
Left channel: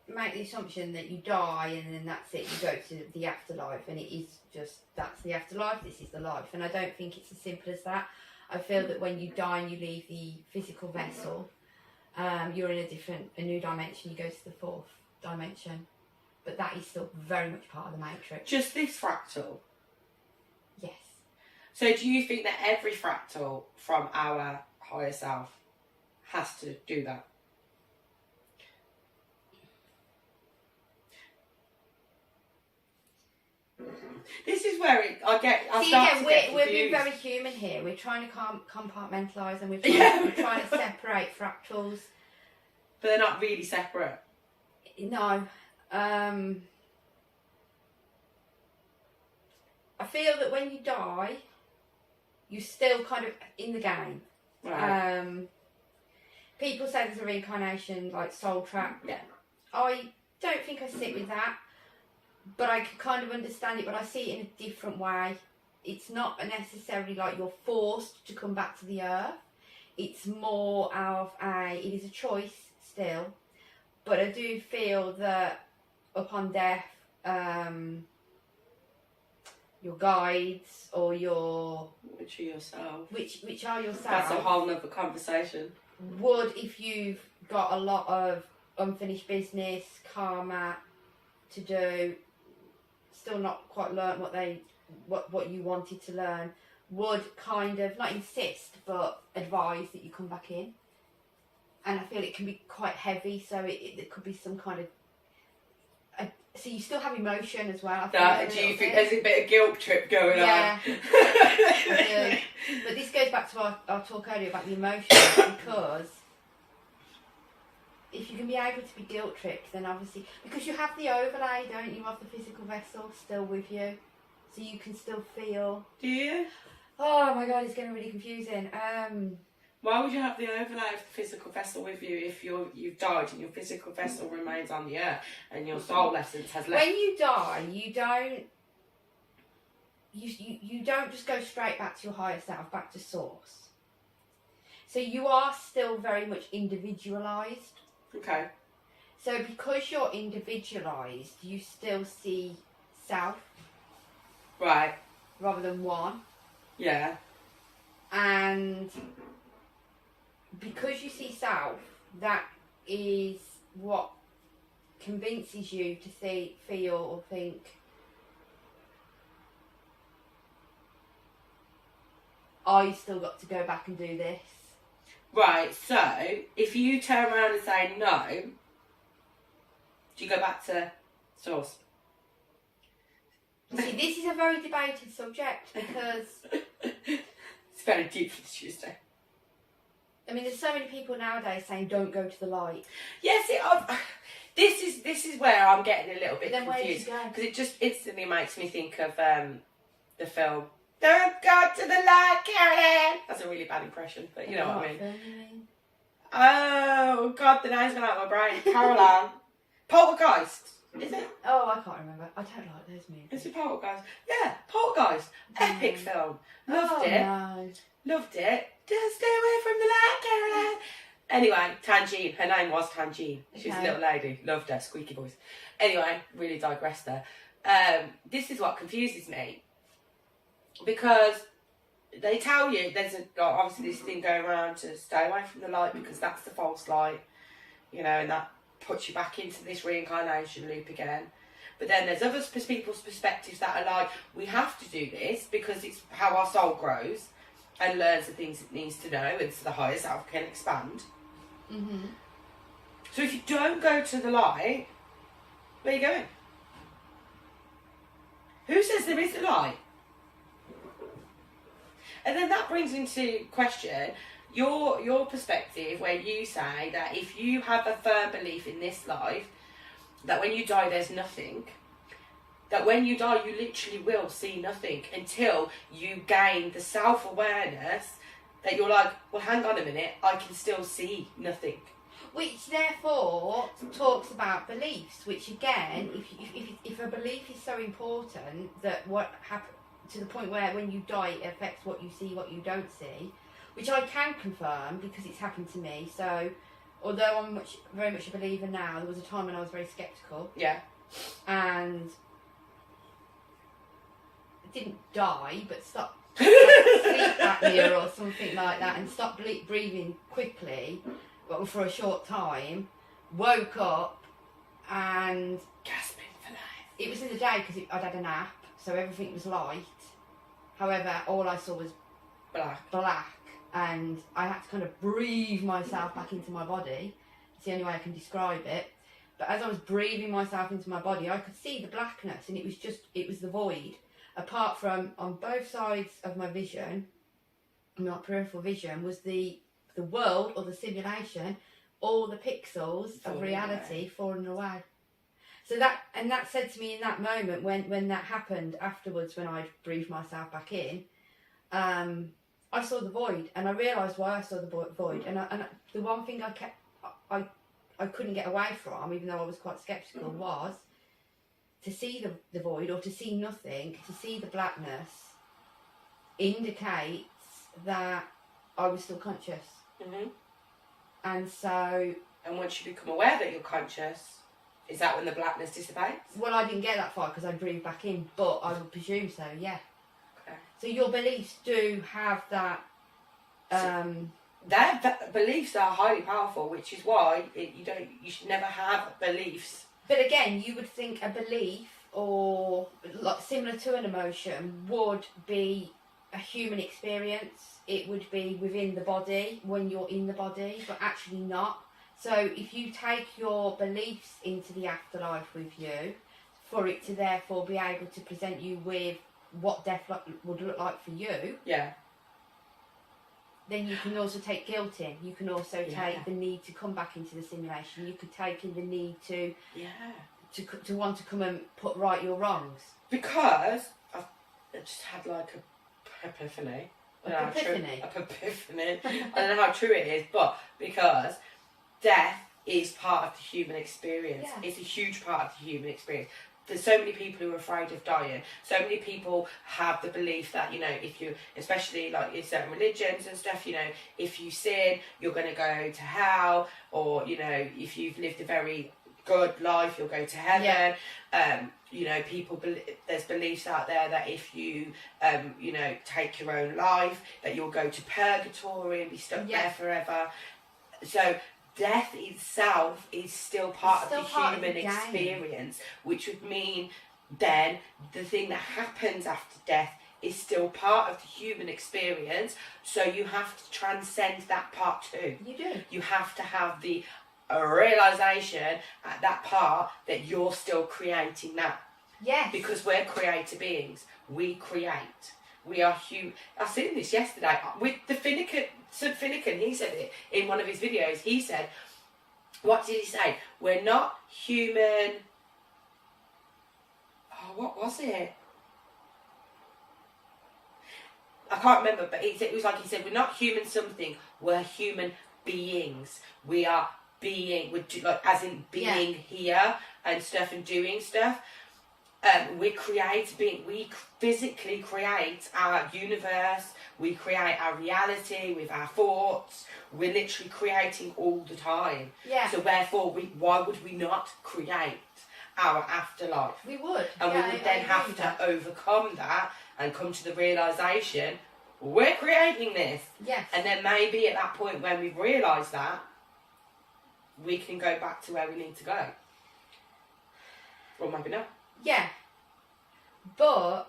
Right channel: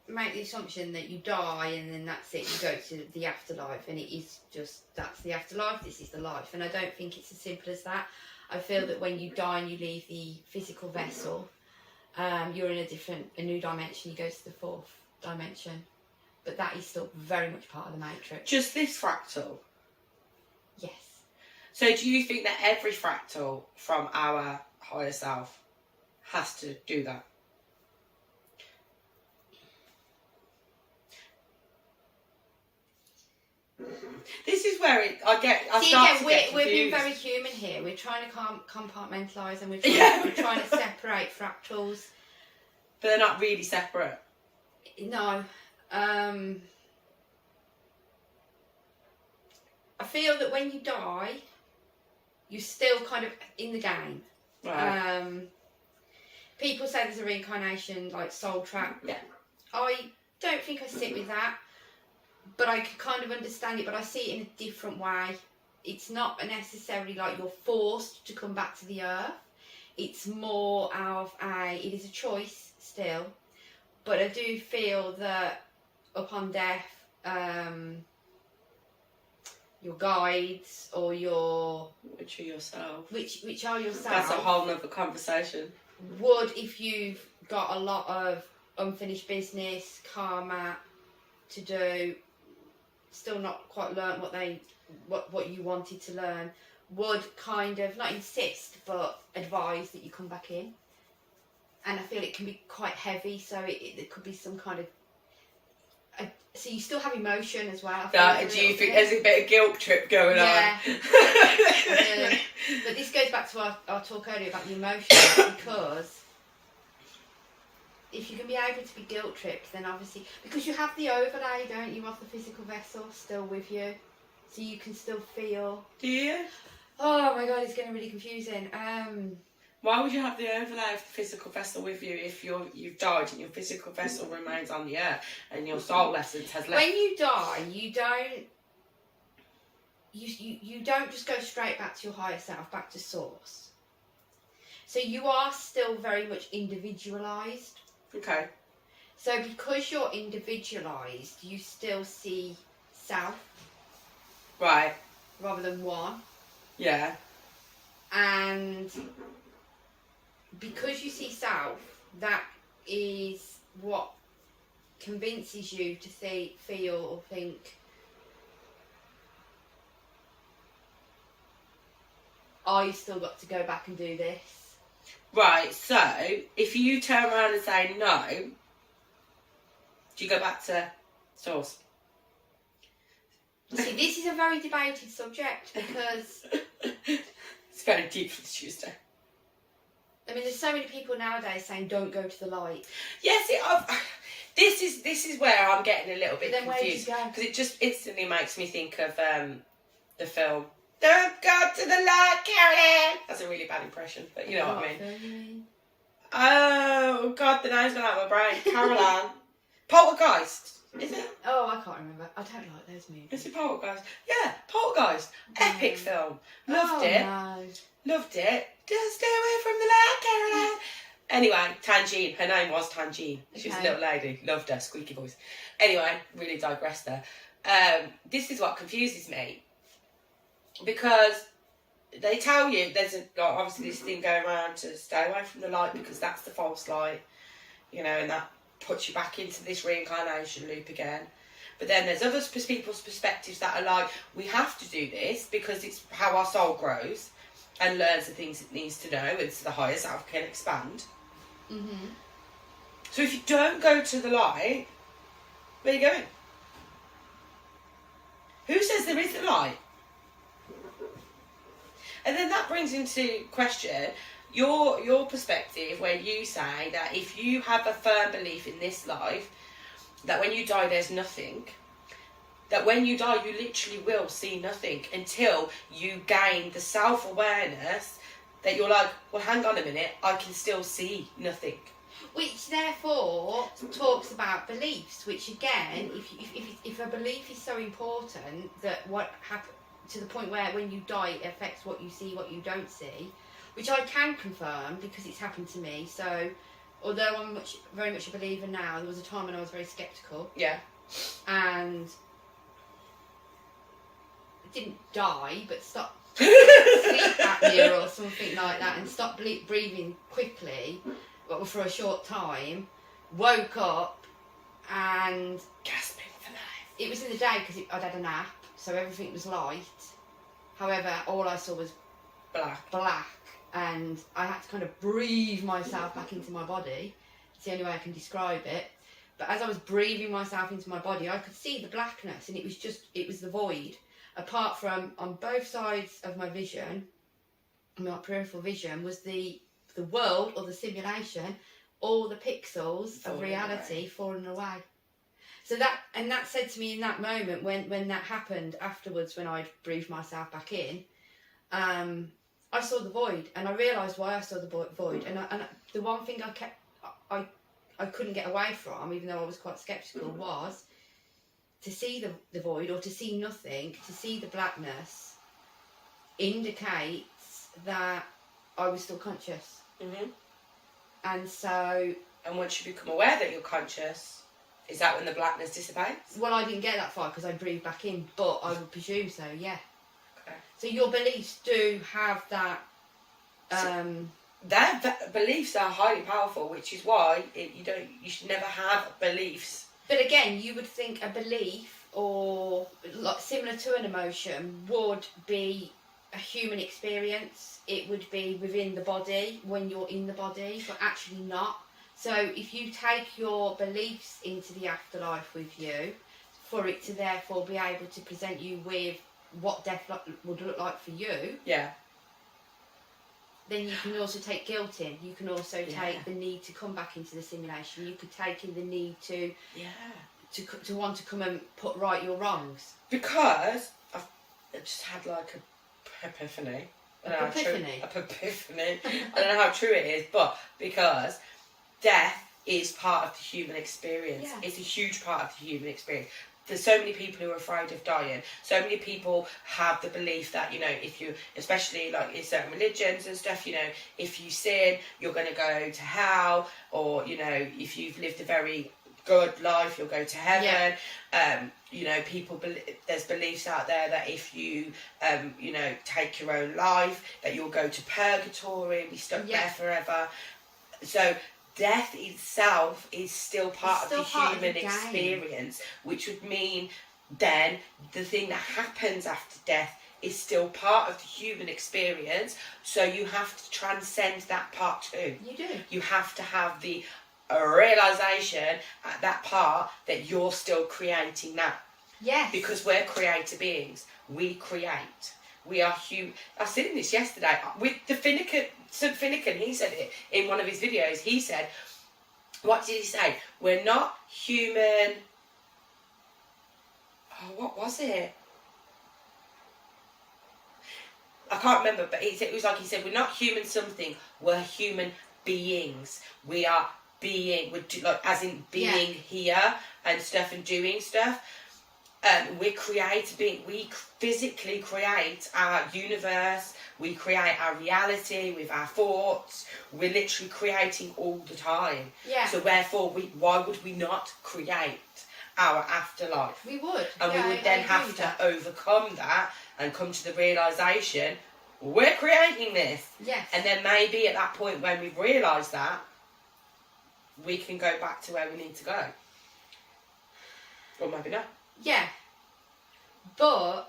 make the assumption that you die and then that's it, you go to the afterlife, and it is just, that's the afterlife, this is the life. And I don't think it's as simple as that. I feel that when you die and you leave the physical vessel, you're in a new dimension, you go to the fourth dimension. But that is still very much part of the matrix. Just this fractal? Yes. So do you think that every fractal from our higher self has to do that? This is where we're being very human here. We're trying to compartmentalise, and we're trying to separate fractals. But they're not really separate. No. I feel that when you die, you're still kind of in the game. Right. People say there's a reincarnation, like soul trap. Yeah. I don't think I sit with that. But I can kind of understand it, but I see it in a different way. It's not necessarily like you're forced to come back to the earth. It's more of it is a choice still. But I do feel that upon death, your guides or which are yourself. Which are yourself. That's a whole nother conversation. Would, if you've got a lot of unfinished business, karma to do, still not quite learn what you wanted to learn, would kind of not insist but advise that you come back in. And I feel it can be quite heavy, so it could be some kind of so you still have emotion as well. Do you think there's a bit of guilt trip going on? Yeah. But this goes back to our talk earlier about the emotions, because if you can be able to be guilt tripped, then obviously, because you have the overlay, don't you, of the physical vessel still with you, so you can still feel. Do you? Oh my god, it's getting really confusing. Why would you have the overlay of the physical vessel with you if you've died and your physical vessel remains on the earth and your soul essence has left? When you die, you don't just go straight back to your higher self, back to source. So you are still very much individualised. Okay. So because you're individualised, you still see self. Right. Rather than one. Yeah. And because you see self, that is what convinces you to feel or think, I still got to go back and do this. Right, so if you turn around and say no, do you go back to source? You see, this is a very debated subject because it's very deep for the Tuesday. I mean, there's so many people nowadays saying don't go to the light. Yes, This is where I'm getting a little bit Then confused, where did you go? because it just instantly makes me think of the film Don't Go to the Light, Carolyn. That's a really bad impression, but you know what I mean. Oh God, the name's gone out of my brain. Caroline. Poltergeist. Is it? Oh, I can't remember. I don't like those movies. Is it Poltergeist? Yeah, Poltergeist. Epic film. Loved it. No. Loved it. Just stay away from the light, Caroline. Anyway, Tangine. Her name was Tangine. She was a little lady. Loved her. Squeaky voice. Anyway, really digressed there. This is what confuses me. Because they tell you there's obviously this thing going around to stay away from the light because that's the false light. You know, and that puts you back into this reincarnation loop again. But then there's other people's perspectives that are like, we have to do this because it's how our soul grows and learns the things it needs to know, and so the higher self can expand. Mm-hmm. So if you don't go to the light, where are you going? Who says there is a light? And then that brings into question your perspective, where you say that if you have a firm belief in this life, that when you die there's nothing, that when you die you literally will see nothing until you gain the self-awareness that you're like, well, hang on a minute, I can still see nothing. Which therefore talks about beliefs, which again, if a belief is so important that what happens to the point where when you die it affects what you see, what you don't see, which I can confirm because it's happened to me. So although I'm very much a believer now, there was a time when I was very sceptical. Yeah. And I didn't die, but stopped sleep apnea or something like that, and stopped breathing quickly, but for a short time. Woke up and Gasping for life. it was in the day because I'd had a nap, so everything was light. However, all I saw was black, and I had to kind of breathe myself back into my body. It's the only way I can describe it. But as I was breathing myself into my body, I could see the blackness, and it was the void. Apart from, on both sides of my vision, my peripheral vision, was the world or the simulation, all the pixels of reality falling away. So that said to me in that moment when that happened afterwards, when I'd breathed myself back in, I saw the void, and I realised why I saw the void. And the one thing I couldn't get away from, even though I was quite sceptical, was to see the void, or to see nothing, to see the blackness, indicates that I was still conscious. Mm-hmm. And once you become aware that you're conscious, is that when the blackness dissipates? Well, I didn't get that far because I breathed back in, but I would presume so, yeah. Okay. So your beliefs do have that... Their beliefs are highly powerful, which is why you should never have beliefs. But again, you would think a belief, or like similar to an emotion, would be a human experience. It would be within the body when you're in the body, but actually not. So if you take your beliefs into the afterlife with you, for it to therefore be able to present you with what death would look like for you, yeah, then you can also take guilt in. You can also take the need to come back into the simulation. You could take in the need to to want to come and put right your wrongs. Because I've just had like a epiphany. Epiphany. I don't know how true it is, but because death is part of the human experience. Yeah. It's a huge part of the human experience. There's so many people who are afraid of dying. So many people have the belief that, you know, if you, especially like in certain religions and stuff, you know, if you sin, you're going to go to hell, or, you know, if you've lived a very good life, you'll go to heaven. Yeah. You know, there's beliefs out there that if you, you know, take your own life, that you'll go to purgatory and be stuck there forever. So death itself is still part of the human experience, which would mean then the thing that happens after death is still part of the human experience. So you have to transcend that part too. You do. You have to have the realisation at that part that you're still creating that. Yes. Because we're creator beings. We create. We are human. I was saying this yesterday with the Finnegan. He said it in one of his videos. He said, what did he say? We're not human. Oh, what was it? I can't remember, but it was like he said, we're not human something, we're human beings. We are being, like as in being here and stuff and doing stuff. We physically create our universe, we create our reality with our thoughts. We're literally creating all the time. Yeah. So therefore, why would we not create our afterlife? We would. And we would then have to overcome that and come to the realisation, we're creating this. Yes. And then maybe at that point when we've realised that, we can go back to where we need to go. Or maybe not. Yeah. But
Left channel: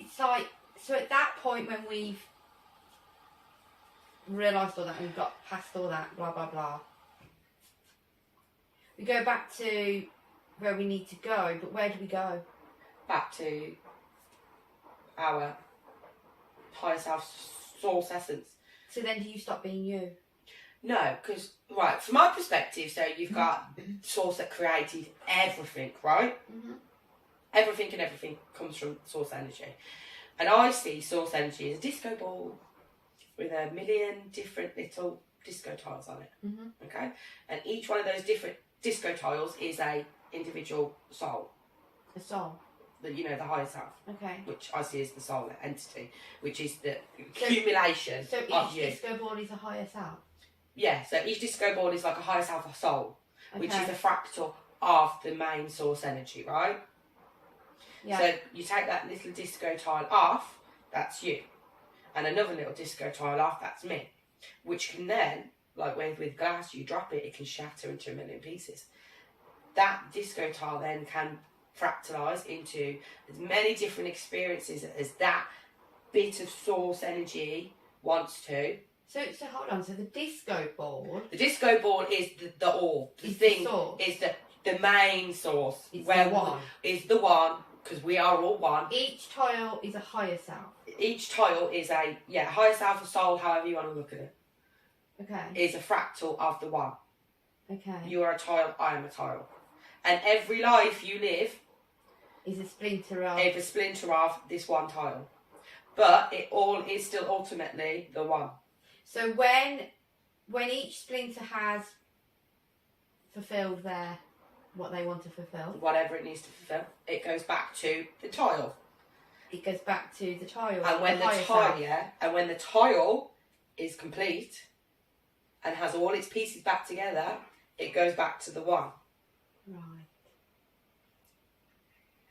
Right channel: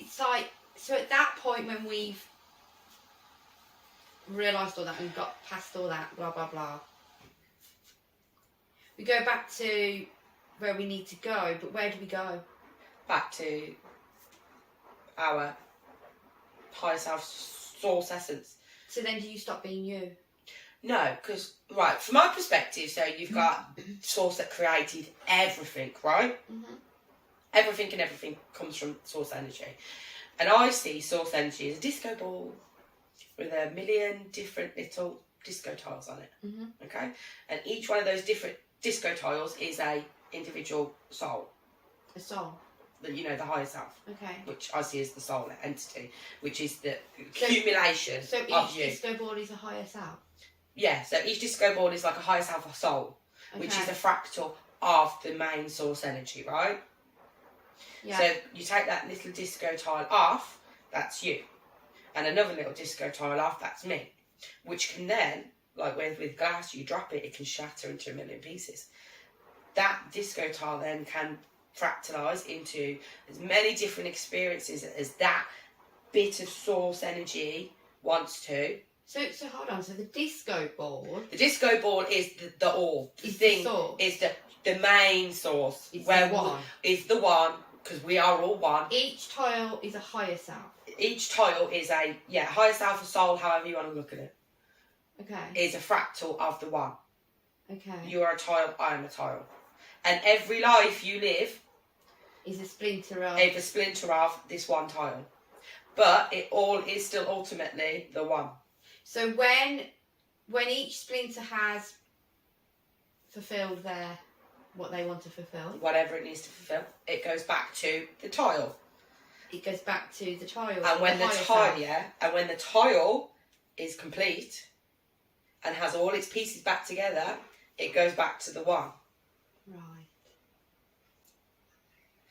it's like, so at that point when we've realised all that and we've got past all that, blah, blah, blah, we go back to where we need to go, but where do we go? Back to our higher self, source essence. So then do you stop being you? No, because, right, from my perspective, so you've got source that created everything, right? Mm-hmm. Everything comes from source energy. And I see source energy as a disco ball with 1 million different little disco tiles on it. Mm-hmm. Okay? And each one of those different disco tiles is a individual soul. A soul. The higher self. Okay. Which I see as the soul entity, which is the accumulation so of each you. disco ball is a higher self? Yeah, so each disco ball is like a higher self of soul, which is a fractal of the main source energy, right? Yeah. So you take that little disco tile off, that's you. And another little disco tile off, that's me. Which can then, like with glass, you drop it, it can shatter into 1 million pieces. That disco tile then can fractalise into as many different experiences as that bit of source energy wants to. So hold on, so the disco ball... The disco ball is the all. The thing is the main source. It's where the one. Is the one, because we are all one. Each tile is a higher self. Each tile is a, higher self or soul, however you want to look at it. Okay. Is a fractal of the one. Okay. You are a tile, I am a tile. And every life you live... is a splinter of... Is a splinter of this one tile. But it all is still ultimately the one. So when each splinter has fulfilled what they want to fulfill, whatever it needs to fulfill, it goes back to the tile. It goes back to the tile. And when the tile is complete and has all its pieces back together, it goes back to the one. Right.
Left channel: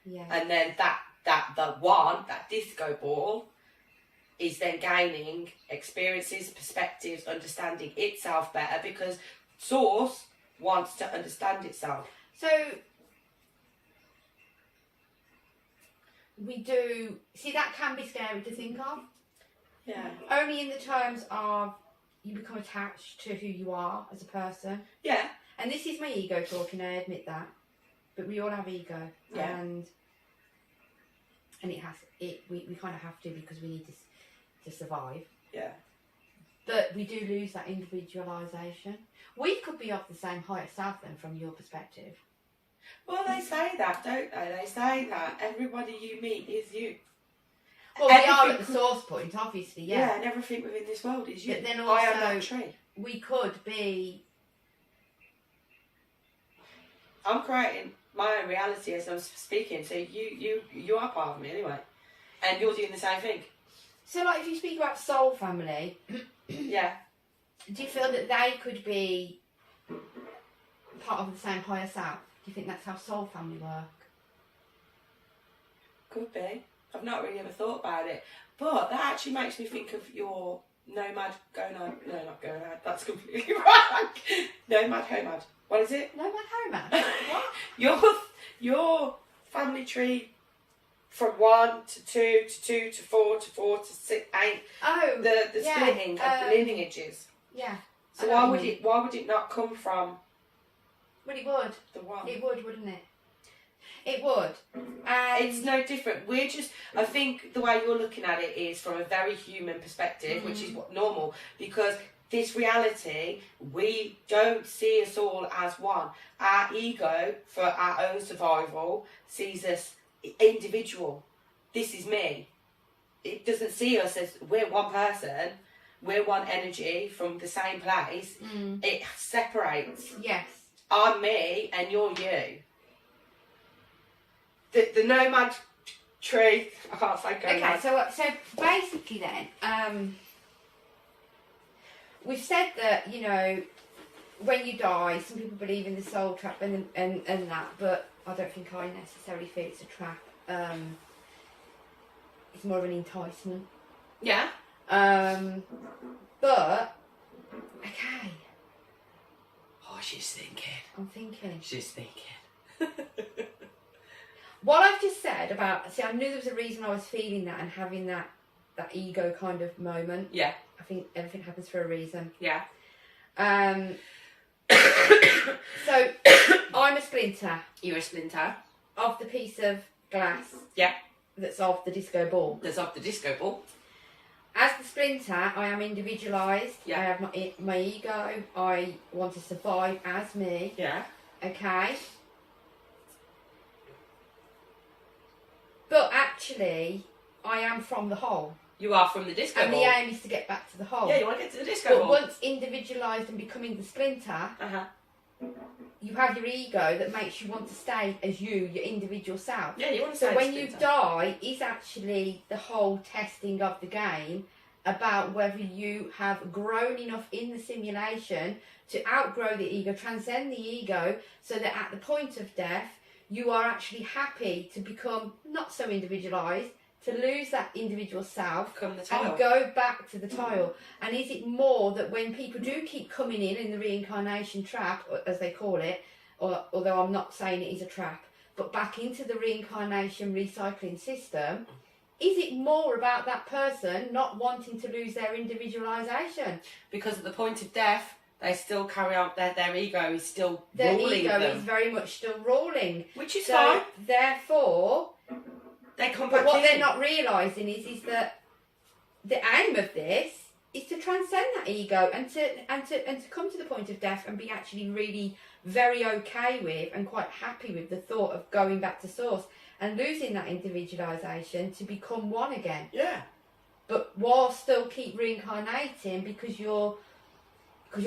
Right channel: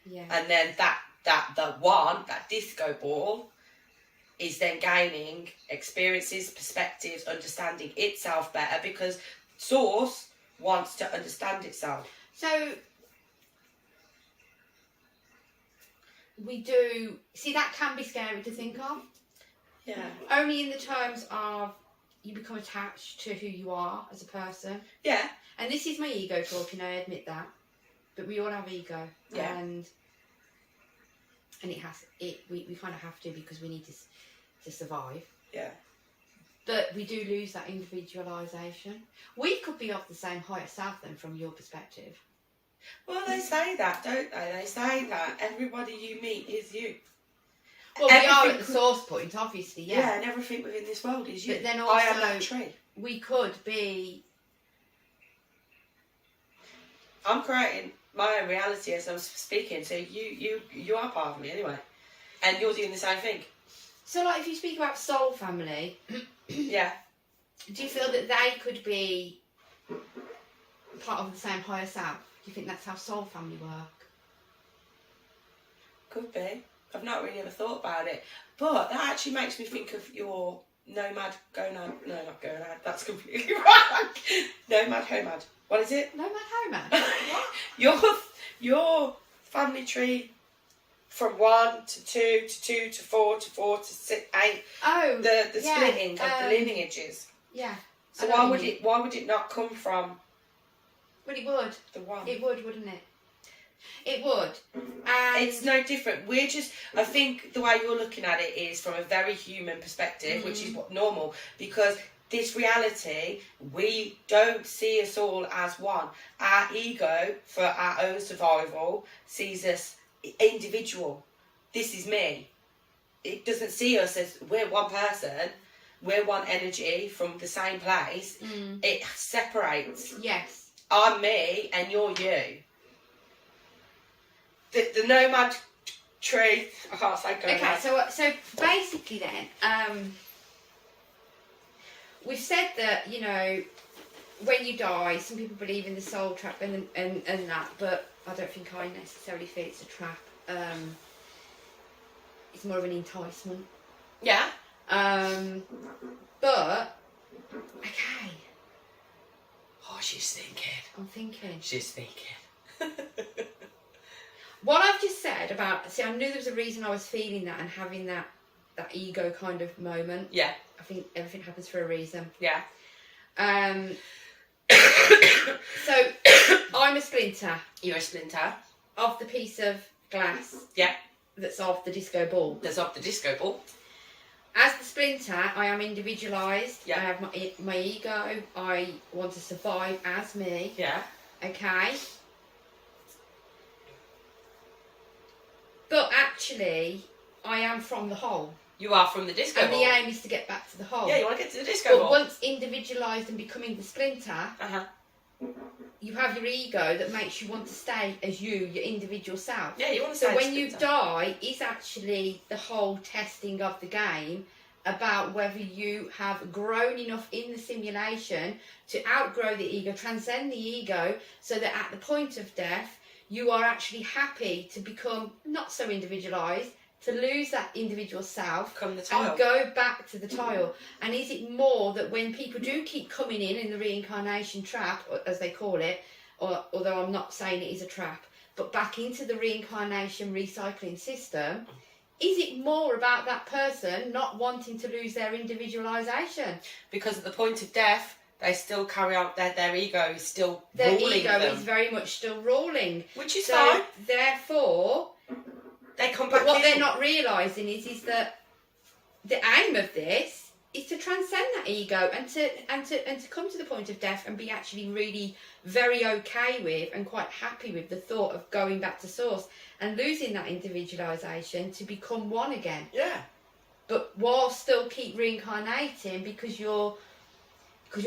Yeah. And then the one, that disco ball, is then gaining experiences, perspectives, understanding itself better, because source wants to understand itself. So we do see that can be scary to think of. Yeah. Only in the terms of you become attached to who you are as a person. Yeah. And this is my ego talking, I admit that. But we all have ego. Yeah. And we kind of have to, because we need to survive. Yeah. But we do lose that individualisation. We could be of the same higher self then, from your perspective. Well, they say that, don't they? They say that everybody you meet is you. Well, we are at the source point, obviously, yeah. Yeah, and everything within this world is you. But then also, I am that tree. We could be... I'm creating my own reality as I'm speaking, so you are part of me anyway. And you're doing the same thing. So, like, if you speak about soul family... yeah. Do you feel that they could be part of the same higher self? Do you think that's how soul family work? Could be. I've not really ever thought about it. But that actually makes me think of your nomad, gonad. No, not gonad. That's completely wrong. Nomad, homad. What is it? Nomad, homad? What? Your family tree from 1 to 2 to 2 to 4 to 4 to 6, 8. Oh, the splitting of the lineages. Yeah. So why would it not come from? Well, it would. The one. It would, wouldn't it? It would. And it's no different. I think the way you're looking at it is from a very human perspective, which is what normal, because this reality, we don't see us all as one. Our ego, for our own survival, sees us individual. This is me. It doesn't see us as we're one person, we're one energy from the same place. It separates. Yes. I'm me and you're you. The nomad tree, I can't say go. Okay, so basically then, we've said that, you know, when you die, some people believe in the soul trap and that, but I don't think I necessarily feel it's a trap. It's more of an enticement. Yeah. But okay. Oh, she's thinking. I'm thinking. She's thinking. What I've just said about, see, I knew there was a reason I was feeling that and having that ego kind of moment. Yeah. I think everything happens for a reason. Yeah. So I'm a splinter. You're a splinter. Of the piece of glass. Yeah. That's off the disco ball. That's off the disco ball. As the splinter, I am individualised. Yeah. I have my ego. I want to survive as me. Yeah. Okay. But actually, I am from the whole. You are from the disco and ball. And the aim is to get back to the whole. Yeah, you want to get to the disco but ball. But once individualised and becoming the splinter, you have your ego that makes you want to stay as you, your individual self. Yeah, you want to stay So when the you splinter. die, is actually the whole testing of the game about whether you have grown enough in the simulation to outgrow the ego, transcend the ego, so that at the point of death, you are actually happy to become not so individualised, to lose that individual self and go back to the tile. And is it more that when people do keep coming in the reincarnation trap, as they call it, or although I'm not saying it is a trap, but back into the reincarnation recycling system, is it more about that person not wanting to lose their individualisation? Because at the point of death, they still carry on, their ego is still their ruling ego them. is very much still ruling. Which is so fine. Therefore, they come back but what in. they're not realising is that the aim of this is to transcend that ego and to come to the point of death and be actually really very okay with and quite happy with the thought of going back to source and losing that individualisation to become one again. Yeah. But while still keep reincarnating because your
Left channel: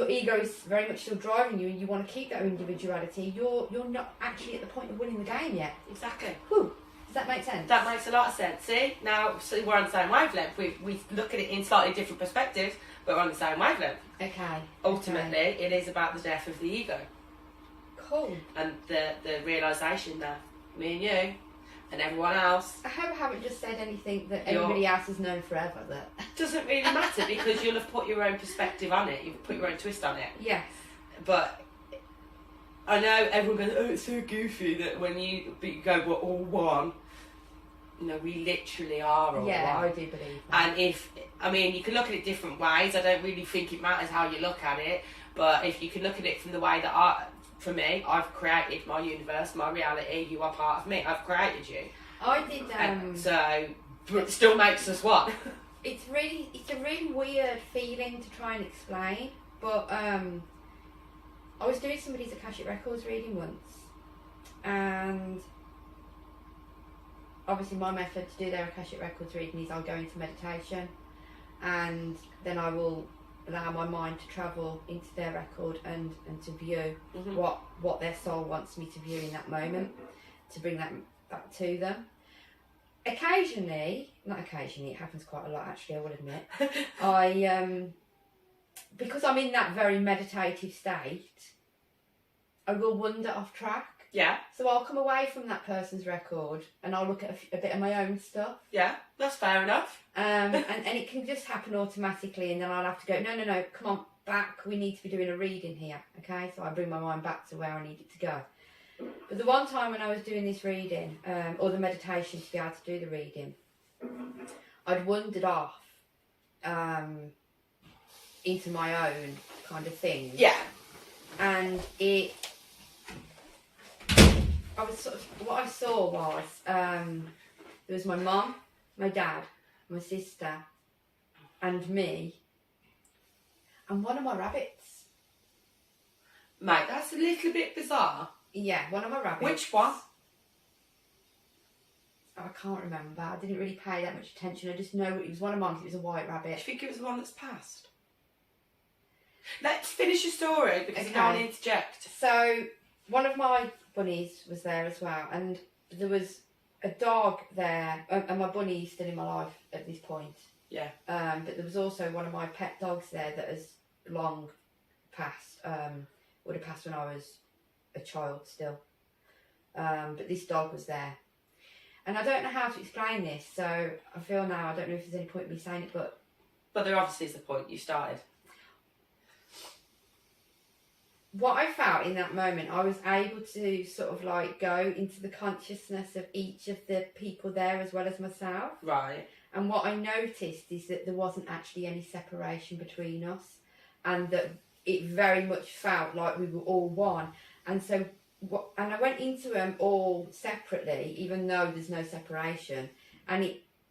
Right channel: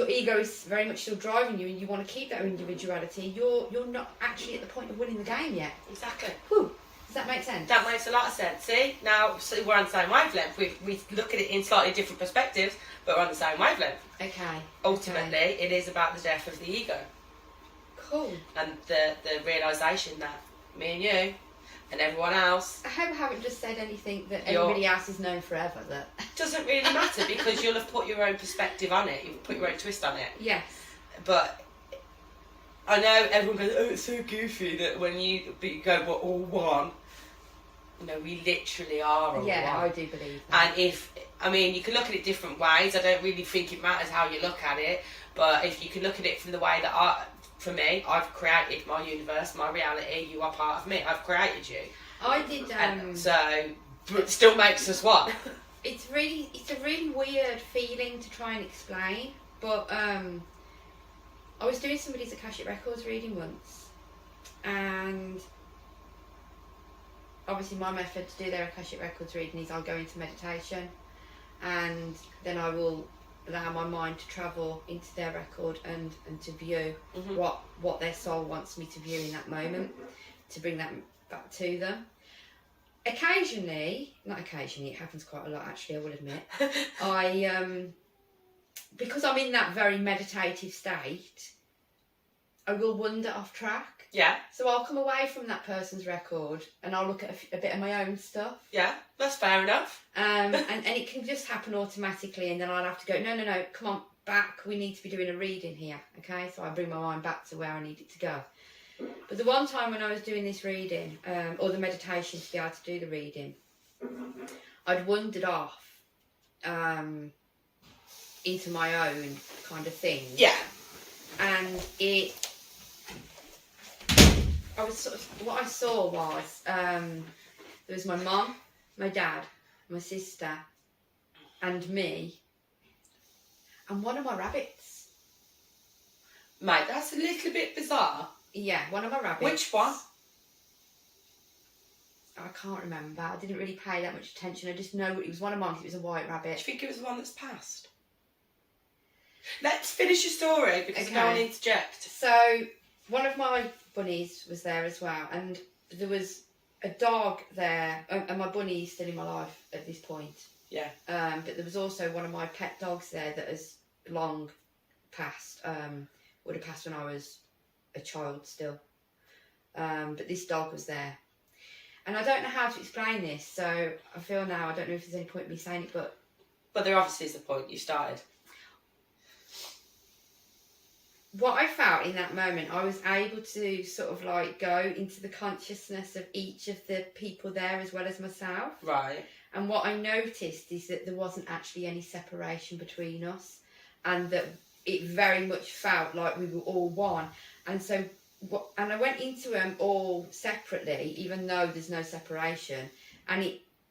ego is very much still driving you and you want to keep that individuality, you're not actually at the point of winning the game yet. Exactly. Whew. Does that make sense? That makes a lot of sense. See, now we're on the same wavelength. We look at it in slightly different perspectives, but we're on the same wavelength. Okay. Ultimately, it is about the death of the ego. Cool. And the realisation that me and you and everyone else... I hope I haven't just said anything that everybody else has known forever. That doesn't really matter because you'll have put your own perspective on it. You've put your own twist on it. Yes. But I know everyone goes, oh, it's so goofy that when you go, we're all one. You know, we literally are all one. Yeah, I do believe that. And you can look at it different ways. I don't really think it matters how you look at it. But if you can look at it from the way that for me, I've created my universe, my reality, you are part of me. I've created you. I did. But it still makes us one. It's a really weird feeling to try and explain. But I was doing somebody's Akashic Records reading once, and obviously my method to do their Akashic Records reading is I'll go into meditation, and then I will allow my mind to travel into their record and to view what their soul wants me to view in that moment, to bring that back to them. Occasionally, not occasionally, it happens quite a lot actually, I will admit, I because I'm in that very meditative state, I will wander off track. Yeah. So I'll come away from that person's record and I'll look at a bit of my own stuff. Yeah, that's fair enough. And it can just happen automatically, and then I'll have to go, no, come on, back, we need to be doing a reading here, okay? So I bring my mind back to where I need it to go. But the one time when I was doing this reading, or the meditation to be able to do the reading, I'd wandered off into my own kind of thing. Yeah. And what I saw was there was my mum, my dad, my sister, and me, And one of my rabbits. Mate, that's a little bit bizarre. Yeah, one of my rabbits. Which one? I can't remember. I didn't really pay that much attention. I just know it was one of mine because it was a white Do rabbit. you think it was the one that's passed? Let's finish your story because I don't want to interject. So, one of my bunnies was there as well, and there was a dog there, and my bunny is still in my life at this point. Yeah. But there was also one of my pet dogs there that has long passed. Would have passed when I was a child still. But this dog was there. And I don't know how to explain this, so I feel now I don't know if there's any point in me saying it, but... But there obviously is a point. You started. What I felt in that moment, I was able to sort of like go into the consciousness of each of the people there as well as myself. Right. And what I noticed is that there wasn't actually any separation between us, and that it very much felt like we were all one. And so, and I went into them all separately, even though there's no separation, and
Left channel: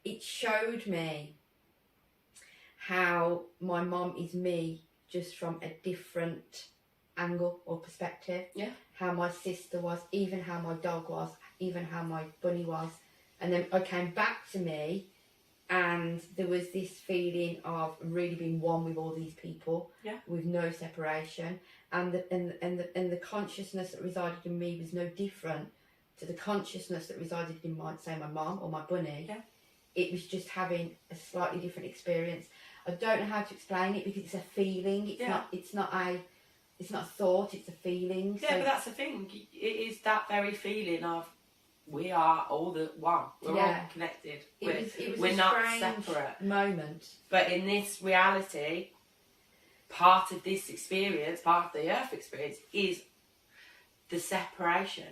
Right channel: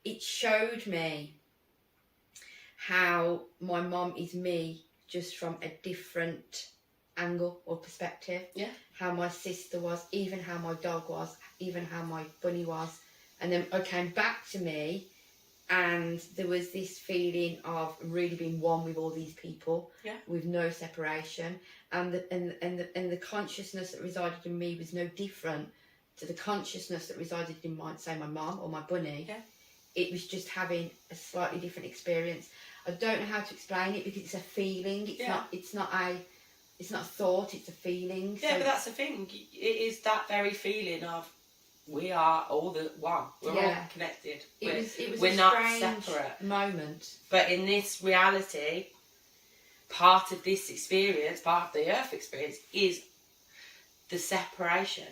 it showed me how my mum is me just from a different angle or perspective. Yeah. How my sister was, even how my dog was, even how my bunny was. And then I came back to me, and there was this feeling of really being one with all these people, with no separation, and the consciousness that resided in me was no different to the consciousness that resided in my mum or my bunny. Yeah. It was just having a slightly different experience. I don't know how to explain it because it's a feeling. It's not a thought. It's a feeling. Yeah, but that's the thing. It is that very feeling of we are all the one. We're all connected. It was we're a not strange separate moment. But in this reality, part of this experience, part of the Earth experience, is the separation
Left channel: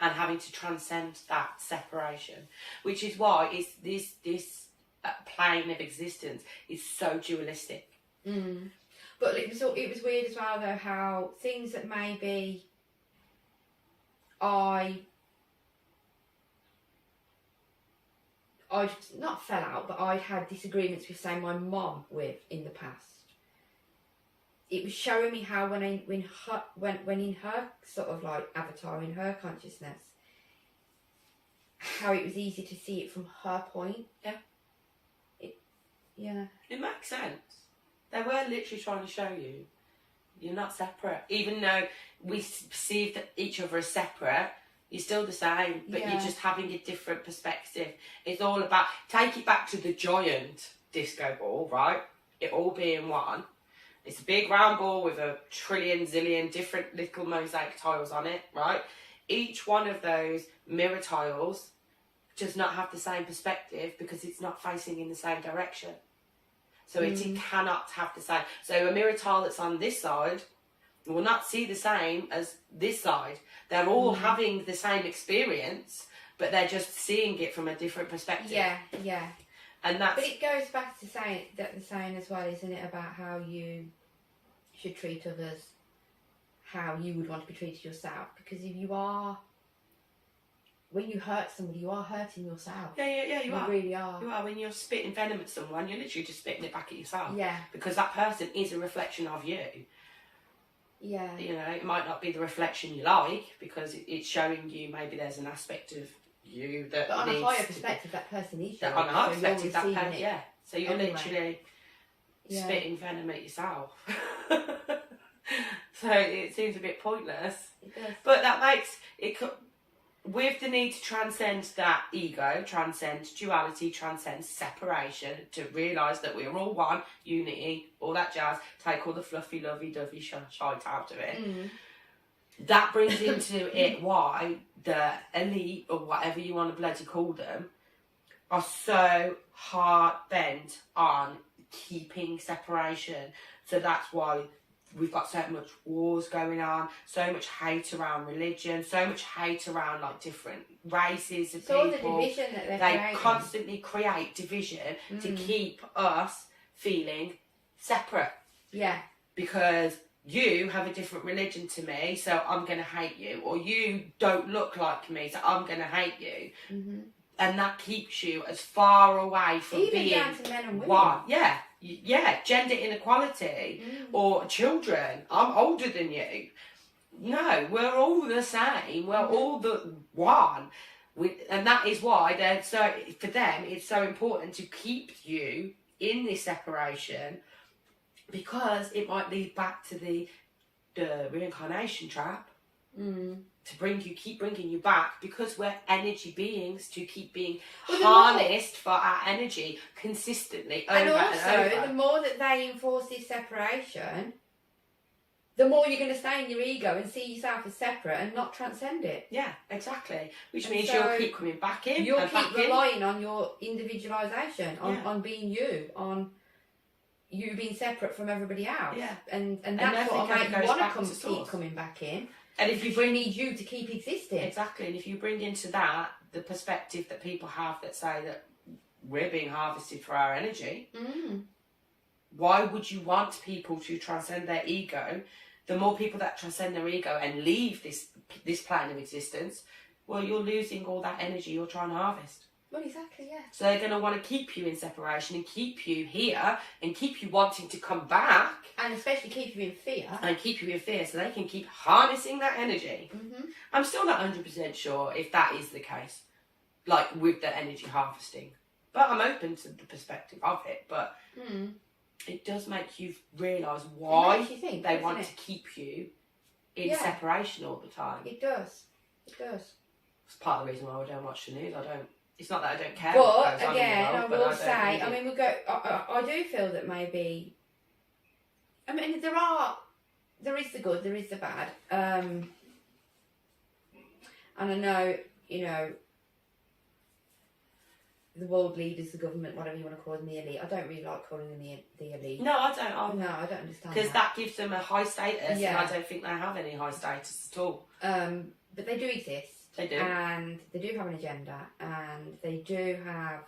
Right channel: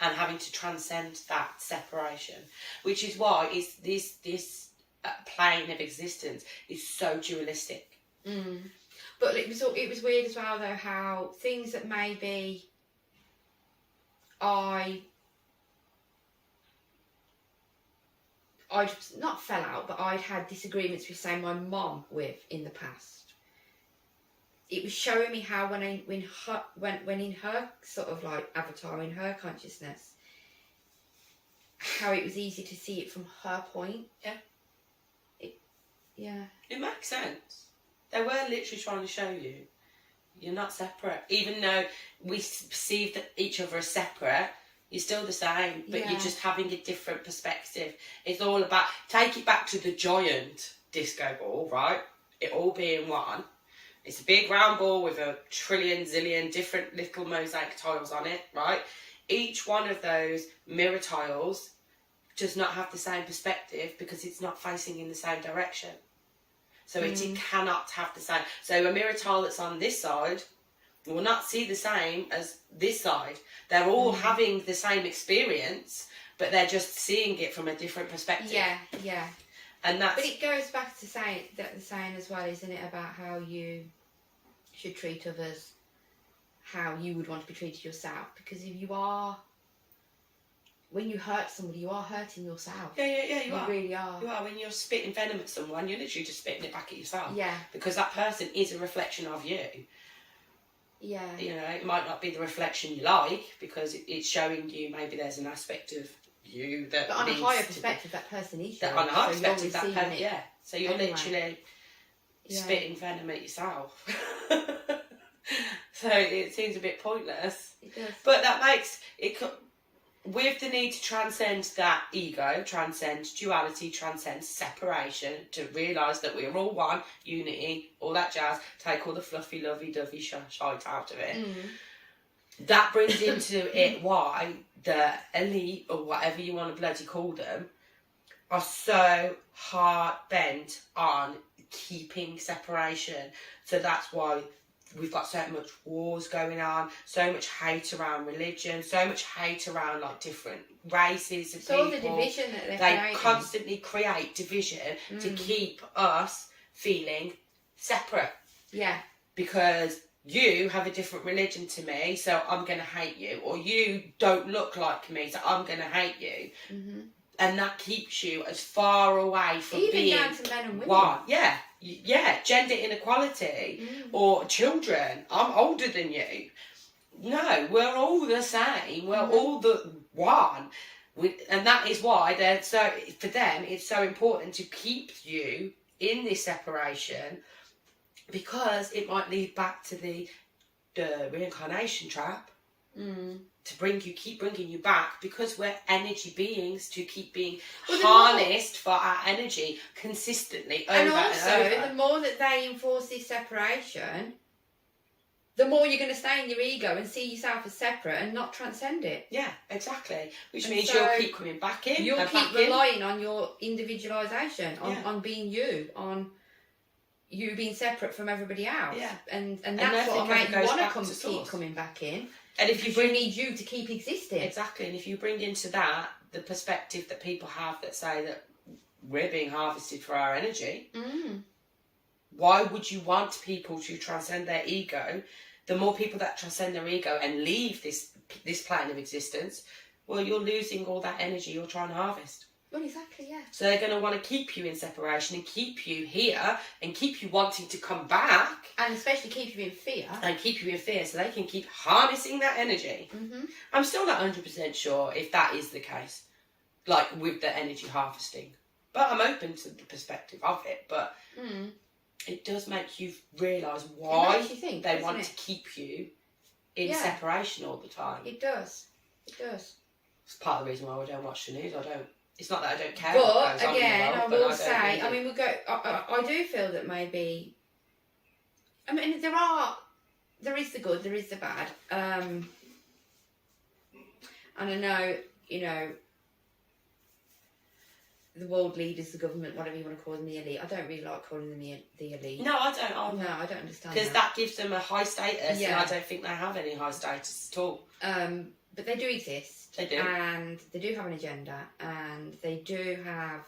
and having to transcend that separation, which is why it's this plane of existence is so dualistic. Mm. But it was weird as well though how things that maybe I'd not fell out, but I'd had disagreements with, say, my mum with in the past. It was showing me how when in her sort of like avatar, in her consciousness, how it was easy to see it from her point. Yeah. It makes sense. They were literally trying to show you you're not separate. Even though we perceive that each other as separate, you're still the same, but you're just having a different perspective. It's all about, take it back to the giant disco ball, right? It all being one. It's a big round ball with a trillion, zillion different little mosaic tiles on it, right? Each one of those mirror tiles does not have the same perspective because it's not facing in the same direction. So it cannot have the same. So a mirror tile that's on this side will not see the same as this side. They're all having the same experience, but they're just seeing it from a different perspective. Yeah. And that's... But it goes back to the saying as well, isn't it, about how you should treat others, how you would want to be treated yourself. Because if you are... When you hurt somebody, you are hurting yourself. Yeah, you are. You really are. You are. When you're spitting venom at someone, you're literally just spitting it back at yourself. Yeah. Because that person is a reflection of you. Yeah. You know, it might not be the reflection you like, because it's showing you maybe there's an aspect of you that But on a higher perspective, that person is you. On a higher perspective, that person, yeah. So you're literally spitting venom at yourself. So it seems a bit pointless. It does. But that makes it... With the need to transcend that ego, transcend duality, transcend separation, to realise that we're all one, unity, all that jazz, take all the fluffy, lovey-dovey shite out of it. That brings into it why the elite, or whatever you want to bloody call them, are so hard-bent on keeping separation. So that's why we've got so much wars going on, so much hate around religion, so much hate around like different races of people. All the division that they constantly create division to keep us feeling separate. Yeah. Because you have a different religion to me, so I'm going to hate you. Or you don't look like me, so I'm going to hate you. And that keeps you as far away from even being down to men and women. one. Yeah, gender inequality or children. I'm older than you. No, we're all the same. We're all the one. And that is why for them it's so important to keep you in this separation, because it might lead back to the reincarnation trap. To keep bringing you back, because we're energy beings, to keep being harnessed for our energy consistently over and also, and over. the more that they enforce this separation, the more you're going to stay in your ego and see yourself as separate and not transcend it. Yeah, exactly. Which And means so you'll keep coming back in. You'll keep relying on your individualisation, on being you, on you being separate from everybody else. Yeah. And that's what will make you want to keep coming back in. And if you need you to keep existing. Exactly. And if you bring into that the perspective that people have that say that we're being harvested for our energy, why would you want people to transcend their ego? The more people that transcend their ego and leave this plane of existence, well, you're losing all that energy you're trying to harvest. Well, exactly, yeah. So they're going to want to keep you in separation and keep you here and keep you wanting to come back. And especially keep you in fear. And keep you in fear so they can keep harnessing that energy. I'm still not 100% sure if that is the case, like with the energy harvesting. But I'm open to the perspective of it. But it does make you realise why they want to keep you in separation all the time. It does. It does. It's part of the reason why I don't watch the news. It's not that I don't care. But again, I will say, I mean, I do feel that maybe. I mean, there is the good, there is the bad, and I know, the world leaders, the government, whatever you want to call them, the elite. I don't really like calling them the elite. No, I don't. No, I don't understand because that gives them a high status, and I don't think they have any high status at all. But they do exist. They do. And they do have an agenda, and they do have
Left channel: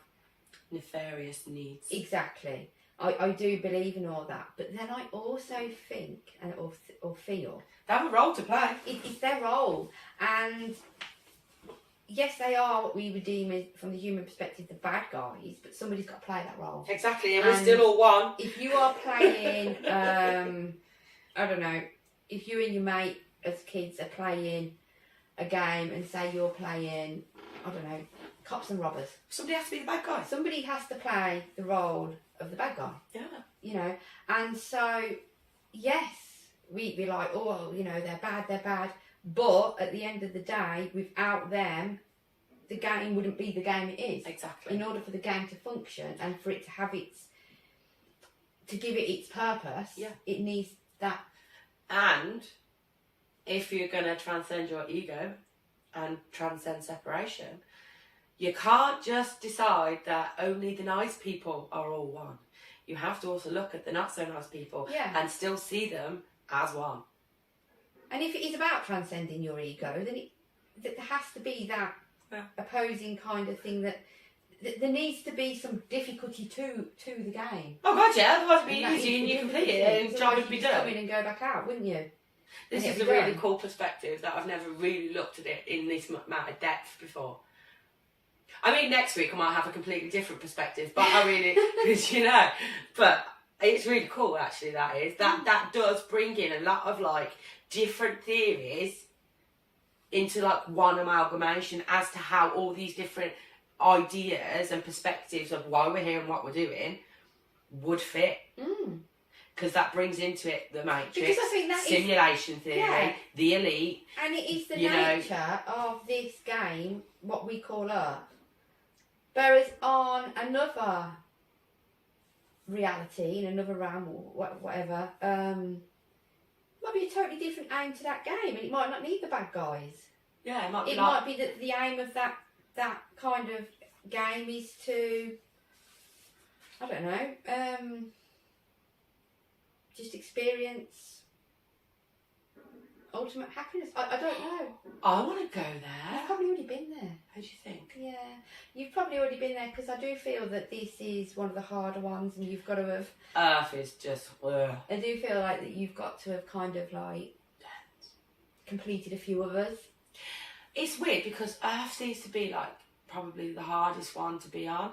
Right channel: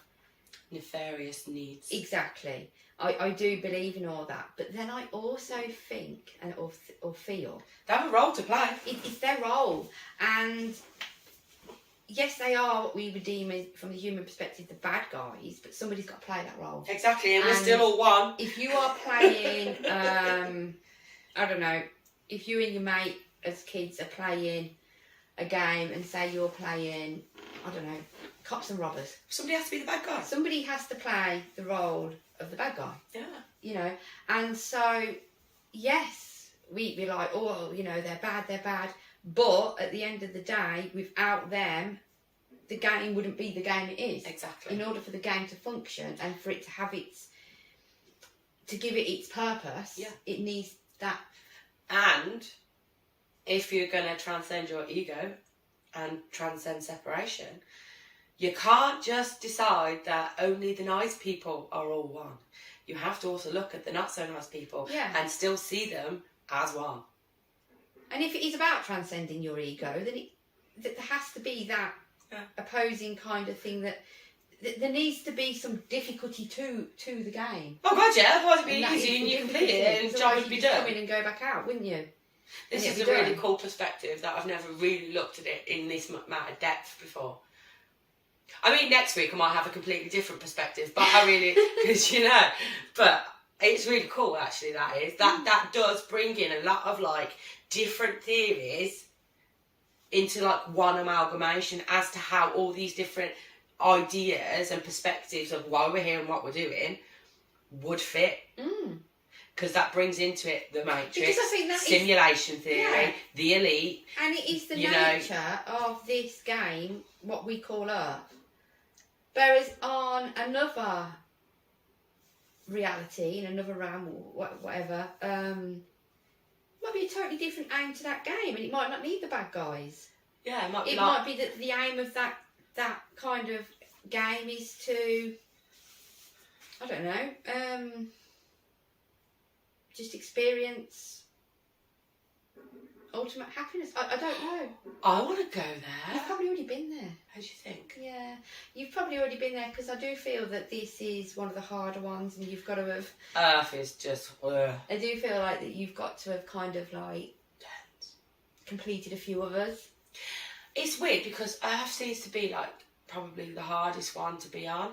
nefarious needs. Exactly. I do believe in all that, but then I also think or feel they have a role to play. It's their role, and yes, they are what we would deem as, from the human perspective, the bad guys, but somebody's got to play that role. Exactly, and we're still all one. If you are playing, I don't know, if you and your mate as kids are playing a game and say you're playing, I don't know, cops and robbers. Somebody has to be the bad guy. Somebody has to play the role of the bad guy. Yeah. And so, yes, we're like, oh, they're bad. But at the end of the day, without them, the game wouldn't be the game it is. Exactly. In order for the game to function and for it to have to give it its purpose, it needs that. And if you're going to transcend your ego and transcend separation, you can't just decide that only the nice people are all one. You have to also look at the not so nice people and still see them as one. And if it is about transcending your ego, then there has to be that opposing kind of thing that there needs to be some difficulty to the game. Oh God, yeah, otherwise it'd be easy and you complete it and the job would be done. Come in and go back out, wouldn't you? This is a really cool perspective that I've never really looked at it in this amount of depth before. I mean, next week I might have a completely different perspective, but I really, because but it's really cool actually. That does bring in a lot of different theories into one amalgamation as to how all these different ideas and perspectives of why we're here and what we're doing would fit. Because that brings into it the Matrix, because I think that simulation theory, the elite. And it is the nature of this game, what we call Earth. Whereas on another reality, in another realm or whatever, might be a totally different aim to that game, and it might not need the bad guys. Yeah, it might be. It might be that the aim of that kind of game is to, I don't know, just experience ultimate happiness. I don't know. I want to go there. You've probably already been there. How do you think? Yeah, you've probably already been there, because I do feel that this is one of the harder ones, and you've got to have. Earth is just. I do feel like that you've got to have kind of completed a few others. It's weird because Earth seems to be probably the hardest one to be on.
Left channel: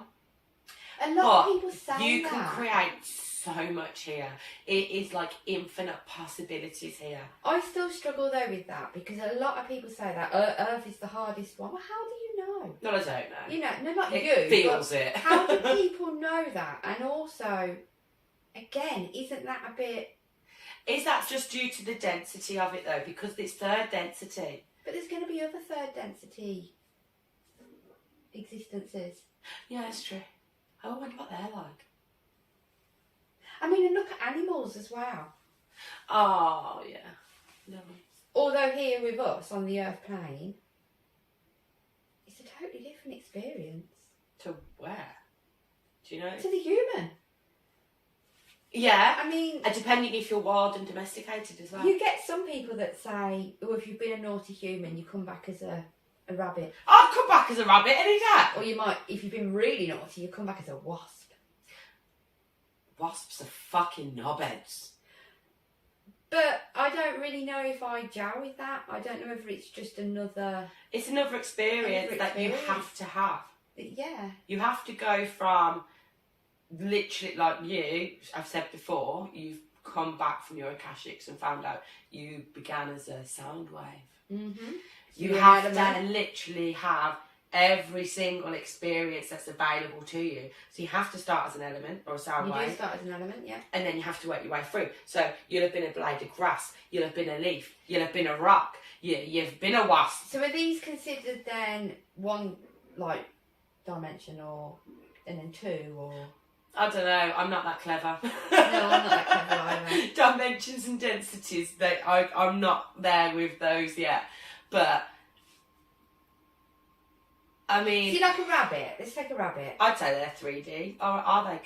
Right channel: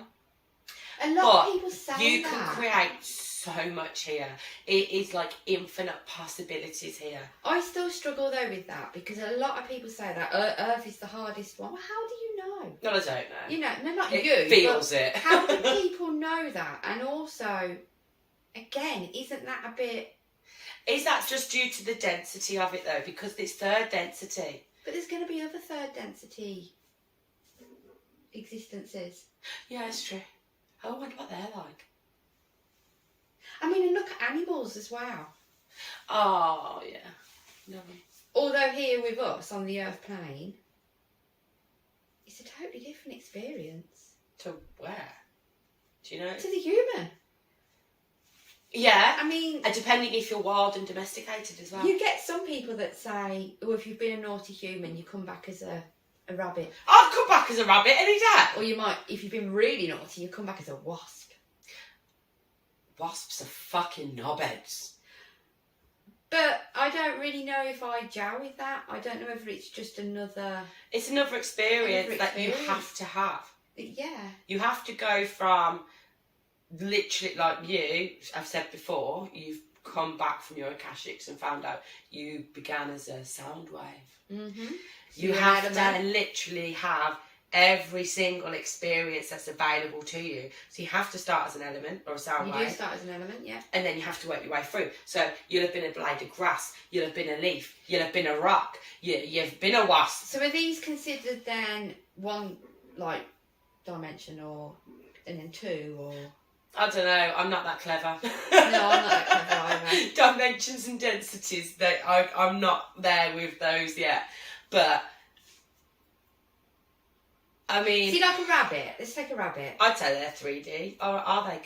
A lot of people say you that. can create so much here. It is like infinite possibilities here. I still struggle though with that, because a lot of people say that Earth is the hardest one. Well, how do you know? No, I don't know. You know, no, not it you. Feels it. How do people know that? And also, again, isn't that a bit? Is that just due to the density of it though? Because it's third density. But there's going to be other third density existences. Yeah, it's true. I wonder what they're like. I mean, and look at animals as well. Oh, yeah. No. Although here with us on the Earth plane, it's a totally different experience. To where? Do you know? To the human. Yeah. I mean, depending if you're wild and domesticated as well. You get some people that say, well, if you've been a naughty human, you come back as a rabbit. I'd come back as a rabbit any day. Or you might, if you've been really naughty, you come back as a wasp. Wasps are fucking knobheads. But I don't really know if I gel with that. I don't know whether it's just another... It's another experience that you have to have. Yeah. You have to go from literally, like you, I've said before, you've come back from your Akashics and found out you began as a sound wave. Mm-hmm. You have to literally have every single experience that's available to you. So you have to start as an element or a sound wave. You do start as an element, yeah. And then you have to work your way through. So you'll have been a blade of grass, you'll have been a leaf, you'll have been a rock, you've been a wasp. So are these considered then one, like, dimension and then two, or... I don't know, I'm not that clever. No, I'm not that clever either. Dimensions and densities, I'm not there with those yet. But... I mean... See, like a rabbit. Let's take a rabbit. I'd say they're 3D. Or are they?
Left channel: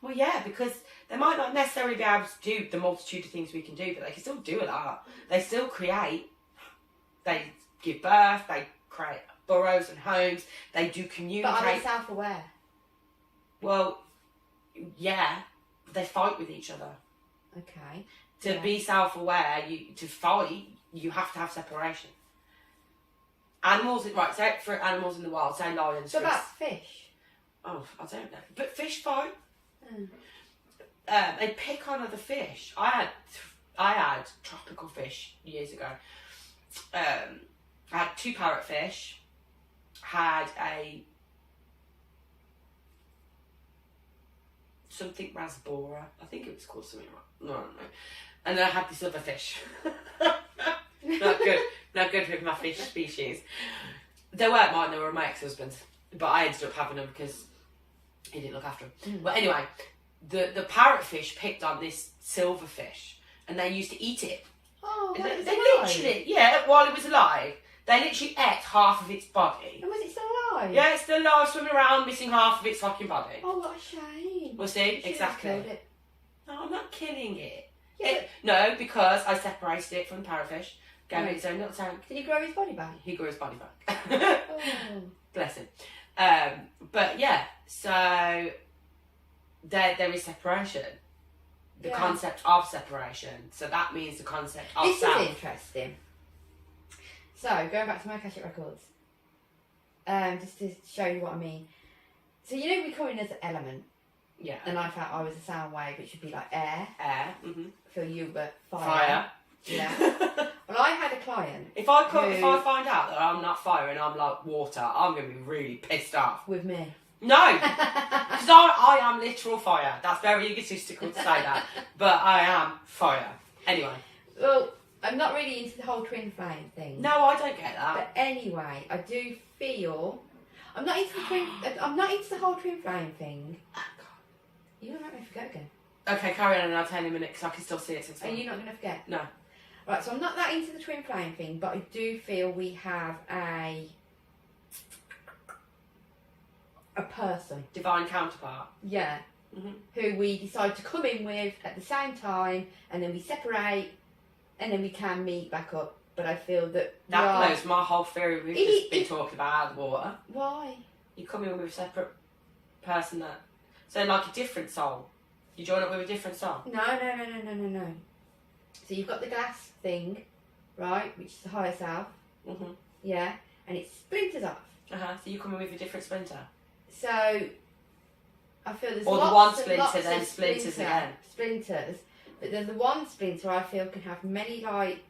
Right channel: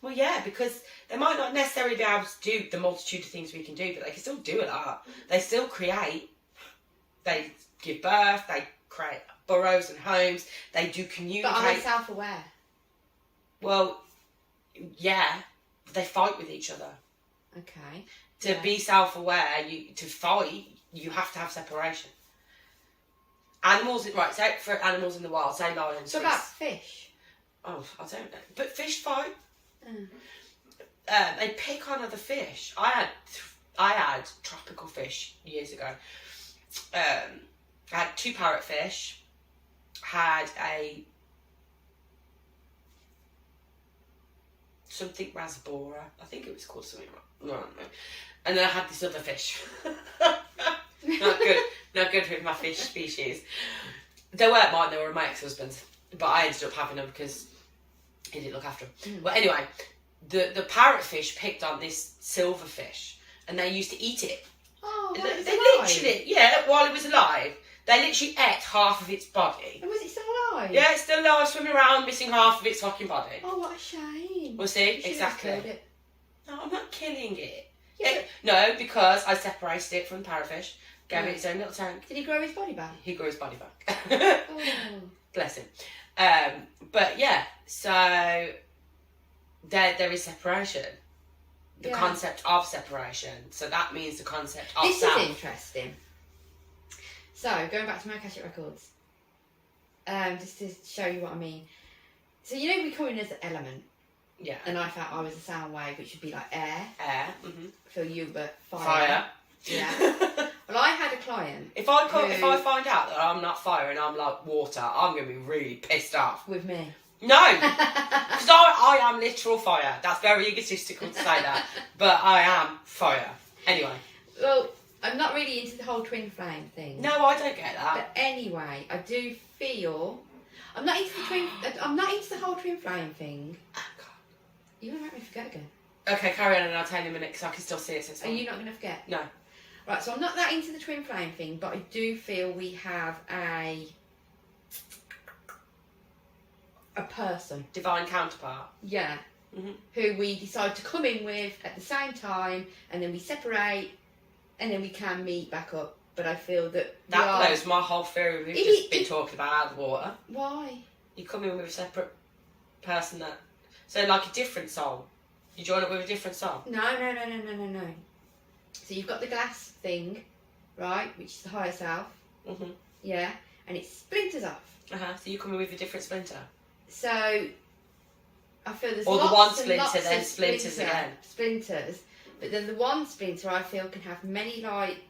Well, yeah, because they might not necessarily be able to do the multitude of things we can do, but they can still do a lot. They still create. They give birth. They create burrows and homes. They do communicate. But are they self-aware? Well, yeah. They fight with each other. Okay. To be self-aware, to fight, you have to have separation. Animals, right, so for animals in the wild, say lions. What about fish? Oh, I don't know. But fish fight. Mm. They pick on other fish. I had tropical fish years ago. I had 2 parrotfish. Had a something rasbora. I think it was called something. No, I don't know. And then I had this other fish. Not good with my fish species. They weren't mine, they were my ex-husband's. But I ended up having them because he didn't look after them. Mm. But anyway, the parrotfish picked on this silverfish and they used to eat it. Oh, they alive? literally, yeah, while it was alive, they literally ate half of its body. And was it still alive? Yeah, it's still alive, swimming around, missing half of its fucking body. Oh, what a shame. We'll see, You should have exactly. killed it. No, I'm not killing it. Yeah, No, because I separated it from the parrotfish, gave it its own little tank. Did he grow his body back? He grew his body back. Oh. Bless him. But yeah, so there is separation. The concept of separation. So that means the concept of This self. is interesting. So, going back to my Akashic records, just to show you what I mean. So, you know, we call it as an element. Yeah. And I felt I was a sound wave, which would be like air. Air. Mm-hmm. For you, but fire. Fire. Yeah. Well, I had a client. If I find out that I'm not fire and I'm like water, I'm going to be really pissed off. With me. No! Because I am literal fire. That's very egotistical to say that. But I am fire. Anyway. Well, I'm not really into the whole twin flame thing. No, I don't get that. But anyway, I do feel... I'm not into the whole twin flame thing. Oh, God. You're going to make me forget again. Okay, carry on and I'll tell you in a minute because I can still see it. So it's Are fine. you not going to forget? No. Right, so I'm not that into the twin flame thing, but I do feel we have a person. Divine counterpart. Yeah. Mm-hmm. Who we decide to come in with at the same time, and then we separate, and then we can meet back up. But I feel that blows my whole theory we've just been talking about out of the water. Why? You come in with a separate person that... So like a different soul. You join up with a different soul. No. So you've got the glass thing, right, which is the higher self. Mm-hmm. Yeah. and it splinters off. So you come in with a different splinter. So I feel there's or lots the one and splinter lots then of splinters again. Splinters, but then the one splinter I feel can have many like.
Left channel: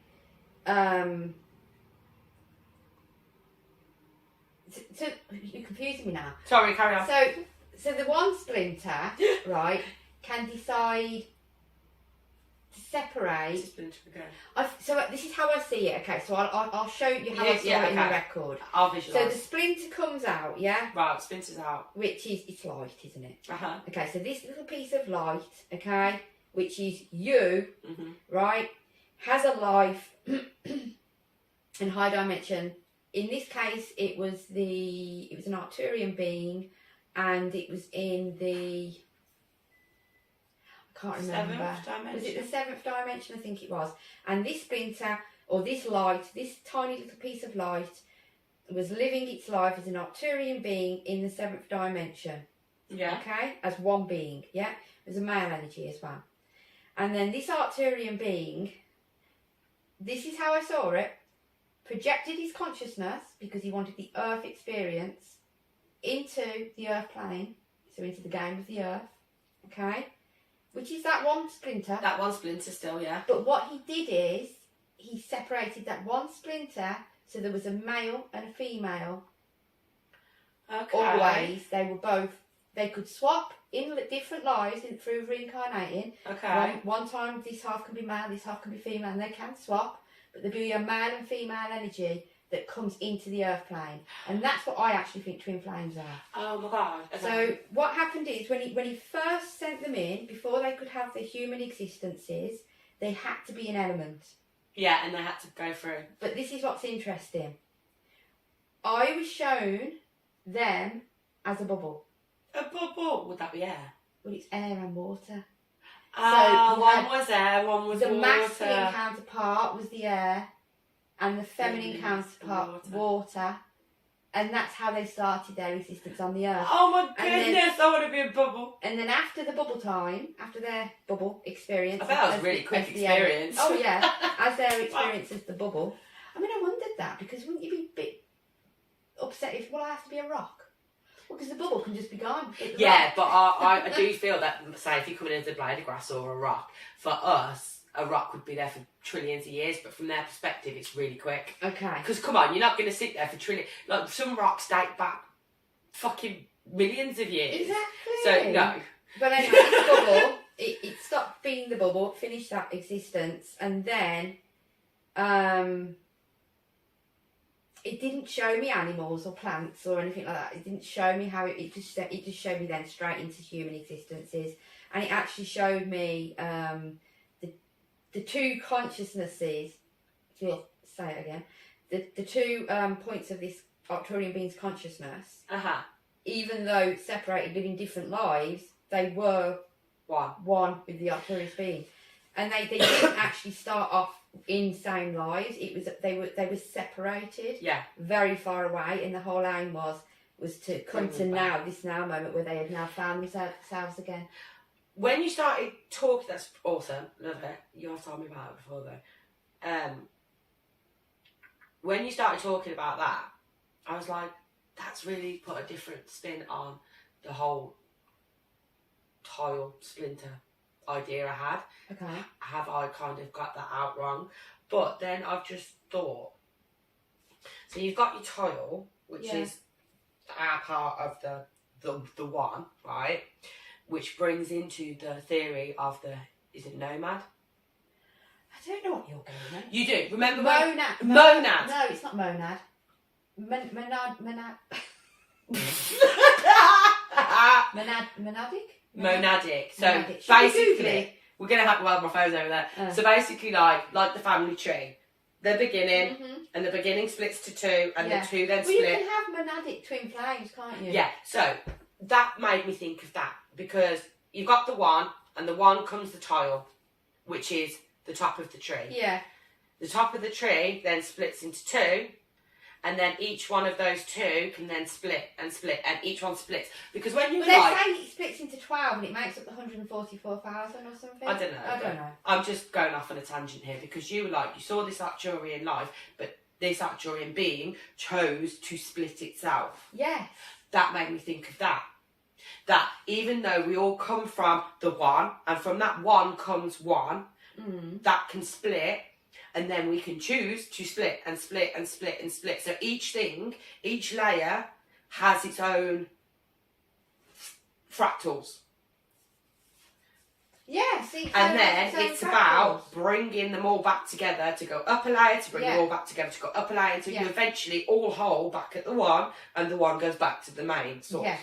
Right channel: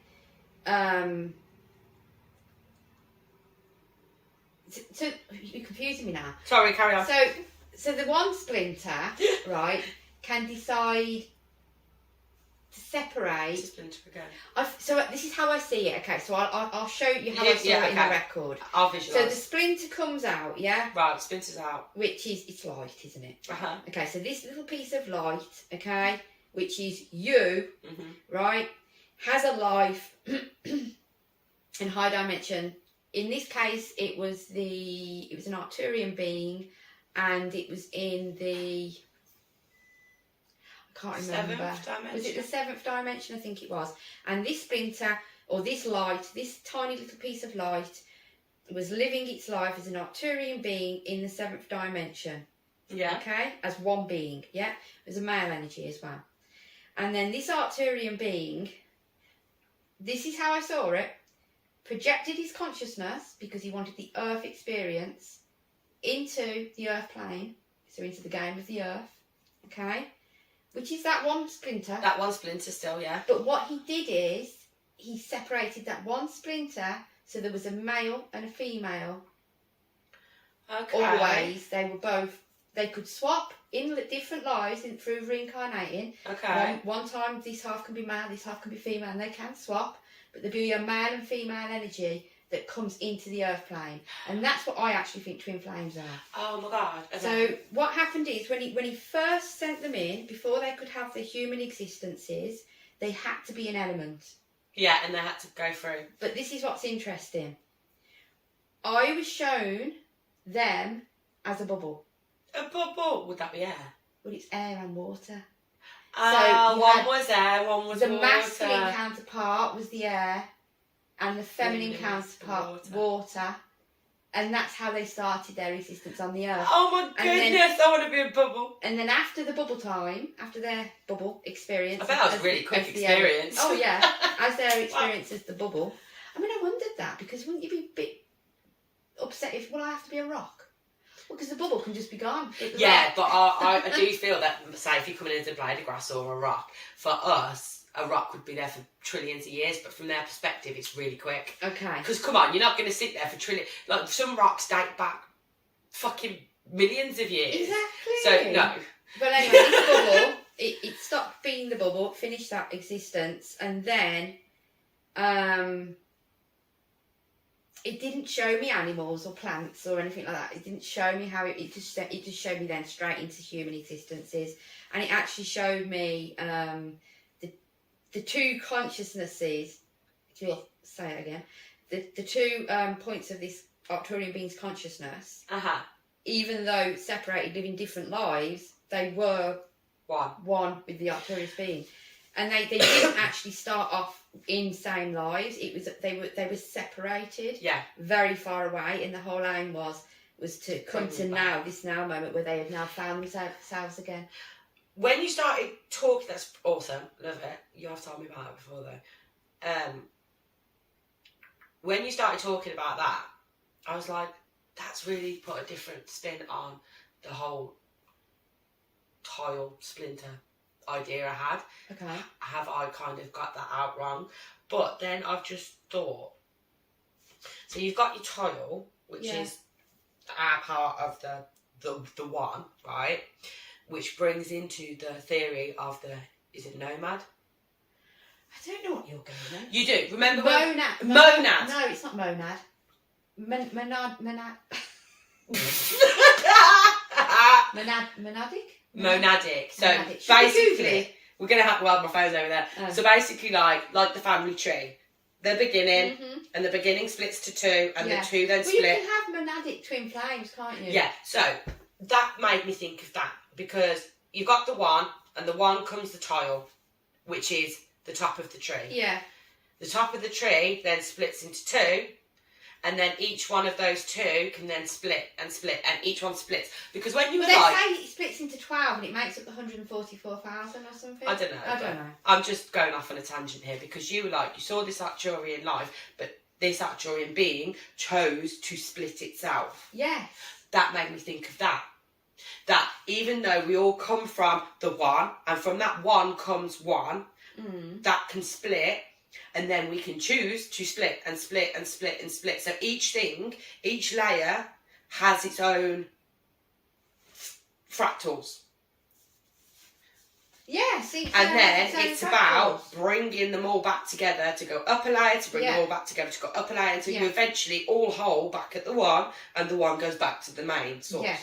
So you're confusing me now. Sorry, carry on. So the one splinter, right, can decide to separate. It's a splinter again. So this is how I see it. Okay, so I'll show you how I saw it in the record. I'll visualise. So the splinter comes out, yeah. Right, splinters out. Which is it's light, isn't it? Uh-huh. Okay, so this little piece of light, okay, which is you, right, has a life in high dimension. In this case, it was an Arcturian being, and it was in the, I can't remember. 7th dimension. Was it the 7th dimension? I think it was. And this splinter, or this light, this tiny little piece of light, was living its life as an Arcturian being in the 7th dimension. Yeah. Okay? As one being, yeah? It was a male energy as well. And then this Arcturian being, this is how I saw it, projected his consciousness, because he wanted the earth experience, into the earth plane, so into the game of the earth, okay? Which is that one splinter. That one splinter still, yeah. But what he did is, he separated that one splinter, so there was a male and a female. Okay. Always, they could swap in different lives through reincarnating. Okay. One time this half can be male, this half can be female, and they can swap. But there'll be a male and female energy that comes into the earth plane, and that's what I actually think twin flames are. Oh my god! Okay. So what happened is when he first sent them in, before they could have the human existences, they had to be an element. Yeah, and they had to go through. But this is what's interesting. I was shown them as a bubble. A bubble? Would that be air? Well, it's air and water. So one was air, one was the water. masculine counterpart was the air, and the feminine counterpart water, and that's how they started their existence on the earth. Oh my goodness! I want to be a bubble. And then after the bubble time, after their bubble experience, I bet that was a really quick experience. Oh yeah, as their experience as the bubble. I mean, I wondered that, because wouldn't you be a bit upset if I have to be a rock? Well, because the bubble can just be gone. Yeah, but I do feel that, say, if you're coming into a blade of grass or a rock, for us, a rock would be there for trillions of years, but from their perspective, it's really quick. Okay. Because, come on, you're not going to sit there for trillions. Like, some rocks date back fucking millions of years. Exactly. So, no. But anyway, this bubble, it stopped being the bubble, finished that existence, and then it didn't show me animals or plants or anything like that. It didn't show me how it just showed me then straight into human existences, and it actually showed me the two consciousnesses. You'll say it again. The two points of this Arcturian being's consciousness. Even though separated, living different lives, they were one with the Arcturian being, and they didn't actually start off in same lives. It was they were separated, very far away, and the whole aim was to come to this now moment where they had now found themselves again. When you started talking, that's awesome, love it. You have told me about it before though. When you started talking about that, I was like, that's really put a different spin on the whole tile splinter idea I had. Okay. Have I kind of got that out wrong? But then I've just thought, so you've got your tile, which is our part of the one, right? Which brings into the theory of is it nomad? I don't know what you're going on. You do. Remember monad. Monad. No, it's not monad. Monadic? Monadic. So Monadic. basically, we're going to have, my phone's over there. So basically like the family tree. The beginning, and the beginning splits to two, and the two then split. You can have monadic twin flames, can't you? Yeah, so that made me think of that, because you've got the one, and the one comes the tile, which is the top of the tree. Yeah. The top of the tree then splits into two, and then each one of those two can then split, and each one splits. Because when you they say it splits into 12 and it makes up the 144,000 or something. I don't know. I'm just going off on a tangent here, because you were like, you saw this Arcturian life, but this Arcturian being chose to split itself. Yes. That made me think of that. That even though we all come from the one, and from that one comes one, that can split, and then we can choose to split and split and split and split. So each thing, each layer has its own fractals. Yeah, see, and then it's about bringing them all back together to go up a layer, to bring them all back together to go up a layer, until you eventually all whole back at the one, and the one goes back to the main source. Yes.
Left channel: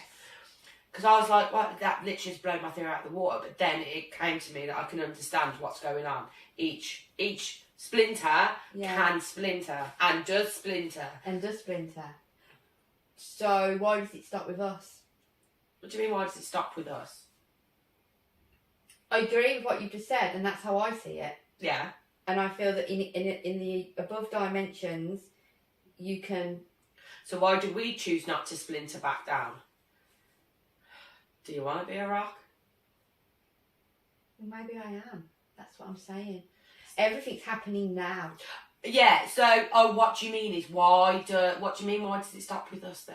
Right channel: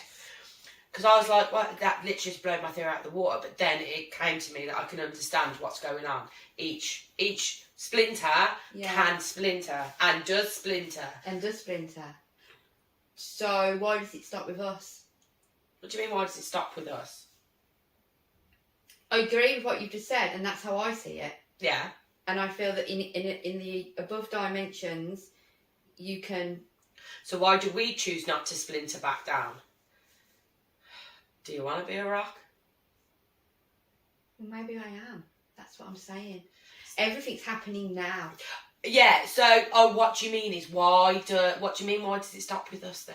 Because I was like, well, that literally just blew my theory out of the water. But then it came to me that I can understand what's going on. Each splinter can splinter and does splinter. So why does it stop with us? What do you mean, why does it stop with us? I agree with what you've just said, and that's how I see it. Yeah. And I feel that in the above dimensions, you can... So why do we choose not to splinter back down? Do you want to be a rock? Well, maybe I am. That's what I'm saying. Everything's happening now. Yeah, so, what do you mean is what do you mean, why does it stop with us then?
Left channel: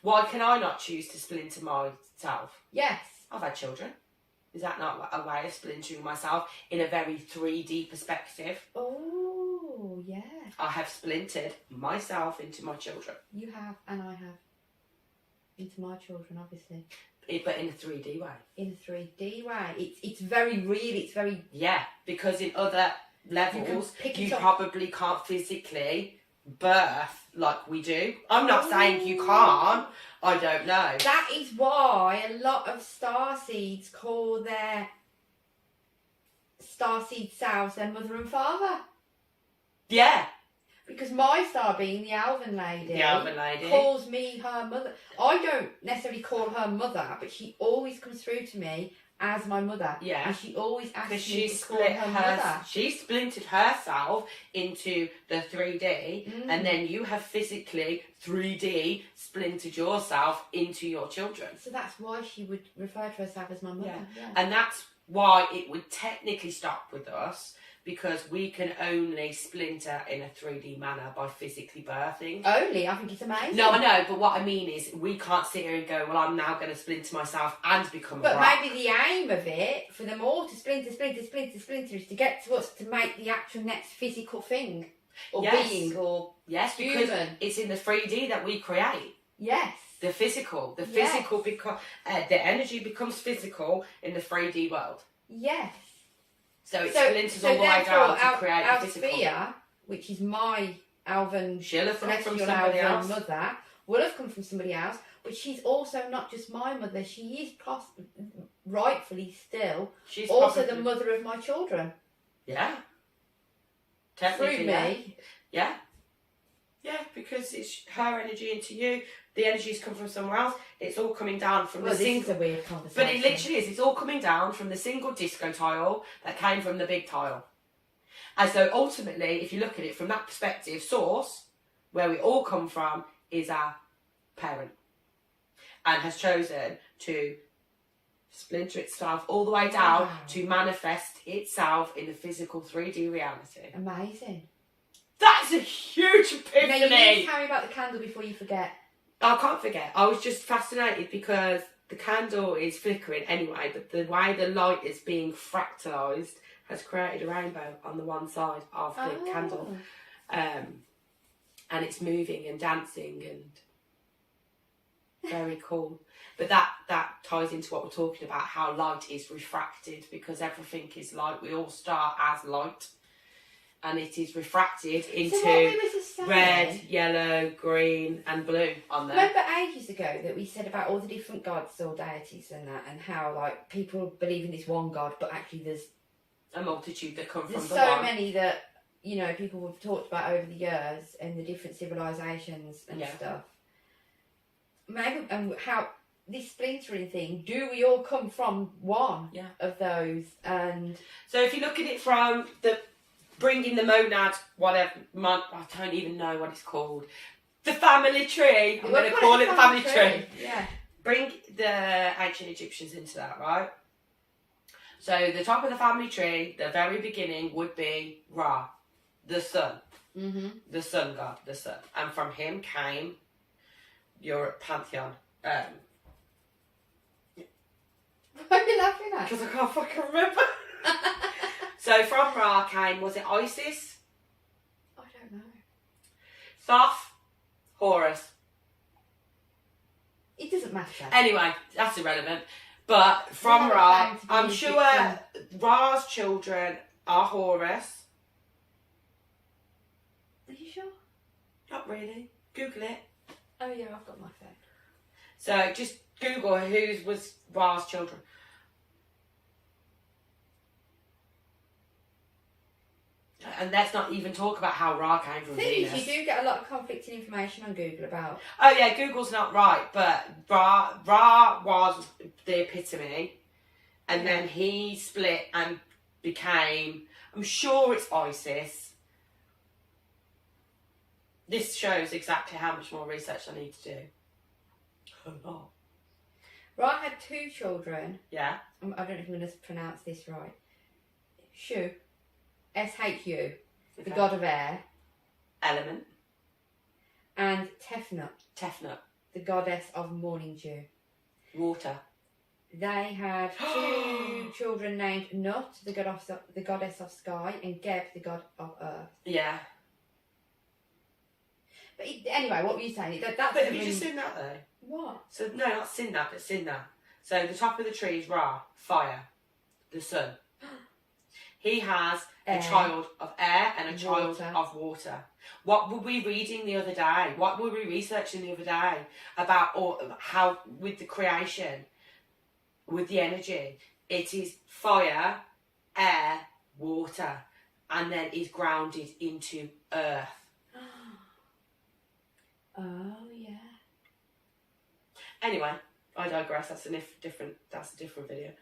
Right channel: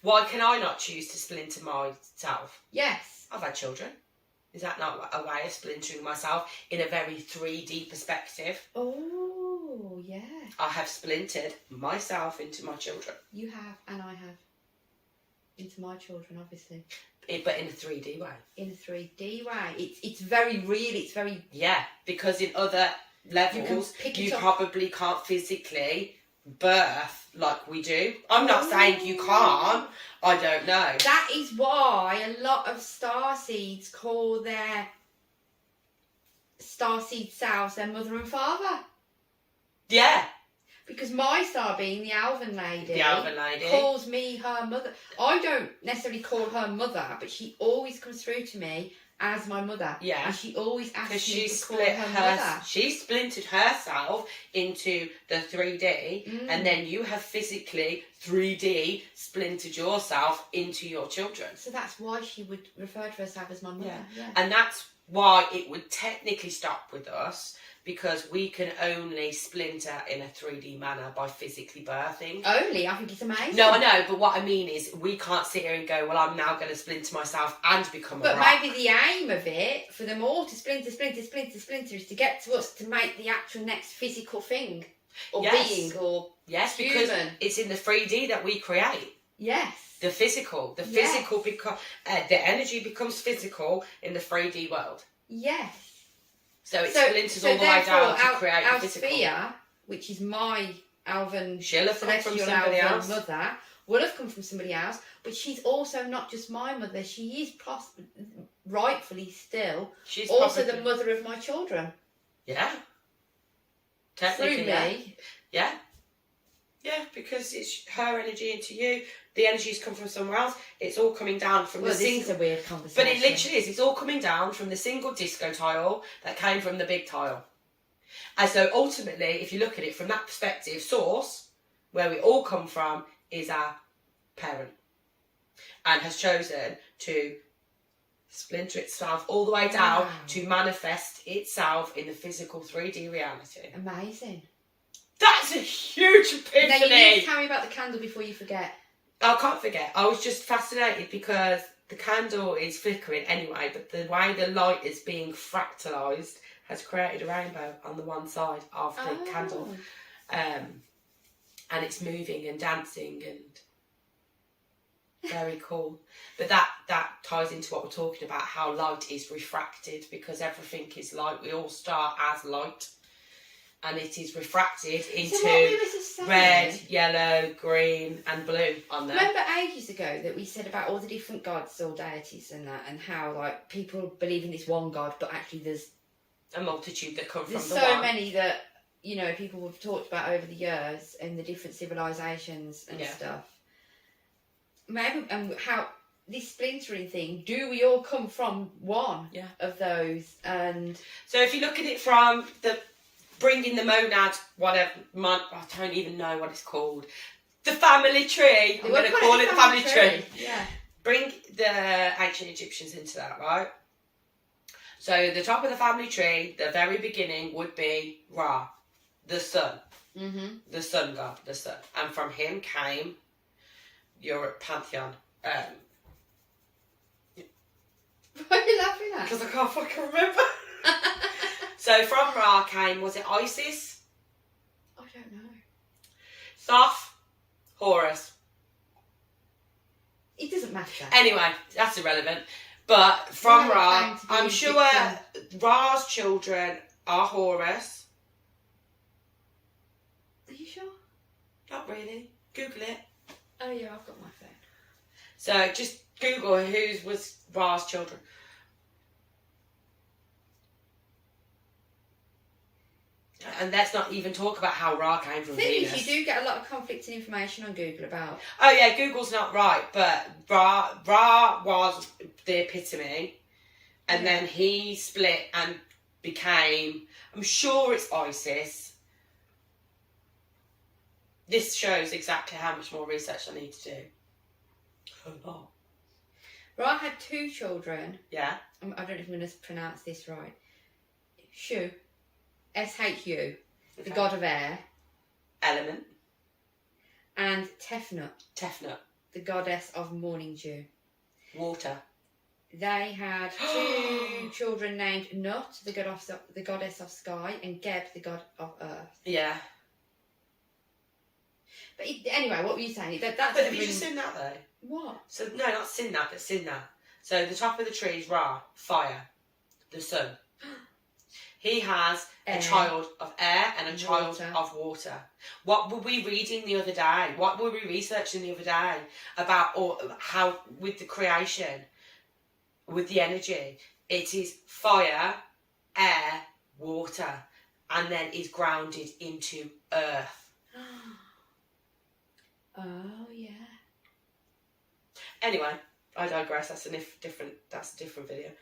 Why can I not choose to splinter myself? Yes. I've had children. Is that not a way of splintering myself in a very 3D perspective? Oh, yeah. I have splintered myself into my children. You have, and I have. Into my children, obviously. But in a 3D way. In a 3D way. It's very real, it's very... Yeah, because in other levels, you probably can't physically birth like we do. I'm not saying you can't. I don't know. That is why a lot of starseeds call their starseed selves their mother and father. Yeah. Because my star being the Alvin lady calls me her mother. I don't necessarily call her mother, but she always comes through to me as my mother. Yeah. And she always asks me to call her mother. She splintered herself into the 3D, and then you have physically 3D splintered yourself into your children. So that's why she would refer to herself as my mother. Yeah. And that's why it would technically stop with us, because we can only splinter in a 3D manner by physically birthing. Only? I think it's amazing. No, I know, but what I mean is we can't sit here and go, well, I'm now going to splinter myself and become a rock. But maybe the aim of it, for them all to splinter, is to get to us to make the actual next physical thing. Or being, or yes, because it's in the 3D that we create. Yes. The physical. The physical, the energy becomes physical in the 3D world. Yes. So it splinters all the way down to create a physical. Sphere, which is my Alvin, she'll have come from somebody else. Mother, will have come from somebody else, but she's also not just my mother. She is rightfully still also the mother of my children. Yeah. Technically, through me. Yeah. Yeah, because it's her energy into you. The energy's come from somewhere else. It's all coming down from the single... This is a weird conversation. But it literally is. It's all coming down from the single disco tile that came from the big tile. And so ultimately, if you look at it from that perspective, source, where we all come from, is our parent. And has chosen to splinter itself all the way down to manifest itself in the physical 3D reality. Amazing. That's a huge epiphany. Now you need to tell me about the candle before you forget. I can't forget. I was just fascinated because the candle is flickering anyway, but the way the light is being fractalised has created a rainbow on the one side of the candle. And it's moving and dancing and very cool. But that ties into what we're talking about, how light is refracted, because everything is light. We all start as light. And it is refracted into red, yellow, green and blue on there. Remember ages ago that we said about all the different gods or deities and that, and how like people believe in this one god, but actually there's a multitude that come from the one. There's so many that, you know, people have talked about over the years and the different civilisations and stuff. Maybe, and how this splintering thing, do we all come from one of those? And so if you look at it from the bringing the monad, whatever, I don't even know what it's called. The family tree. I'm going to call it the family tree. Yeah. Bring the ancient Egyptians into that, right? So the top of the family tree, the very beginning would be Ra, the sun. Mm-hmm. The sun god, the sun. And from him came your pantheon. What are you laughing at? Because I can't fucking remember. So from Ra came, was it Isis? I don't know. Thoth? Horus? It doesn't matter. Anyway, that's irrelevant. But from Ra, I'm sure Ra's children are Horus. Are you sure? Not really. Google it. Oh yeah, I've got my phone. So just Google who was Ra's children. And let's not even talk about how Ra came from Venus. You do get a lot of conflicting information on Google about. Oh yeah, Google's not right, but Ra was the epitome, and then he split and became. I'm sure it's Isis. This shows exactly how much more research I need to do. A lot. Ra had 2 children. Yeah. I don't know if I'm going to pronounce this right. Shu. S-H-U, the god of air. Element. And Tefnut, the goddess of morning dew. Water. They had 2 children named Nut, the goddess of sky, and Geb, the god of earth. Yeah. But anyway, what were you saying? That's but have you just seen that though? What? So no, not seen that, but seen that. So the top of the tree is Ra, fire, the sun. He has a child of air and a child of water. What were we reading the other day? What were we researching the other day about how with the creation, with the energy, it is fire, air, water, and then is grounded into earth. Oh yeah. Anyway, I digress. That's a different video.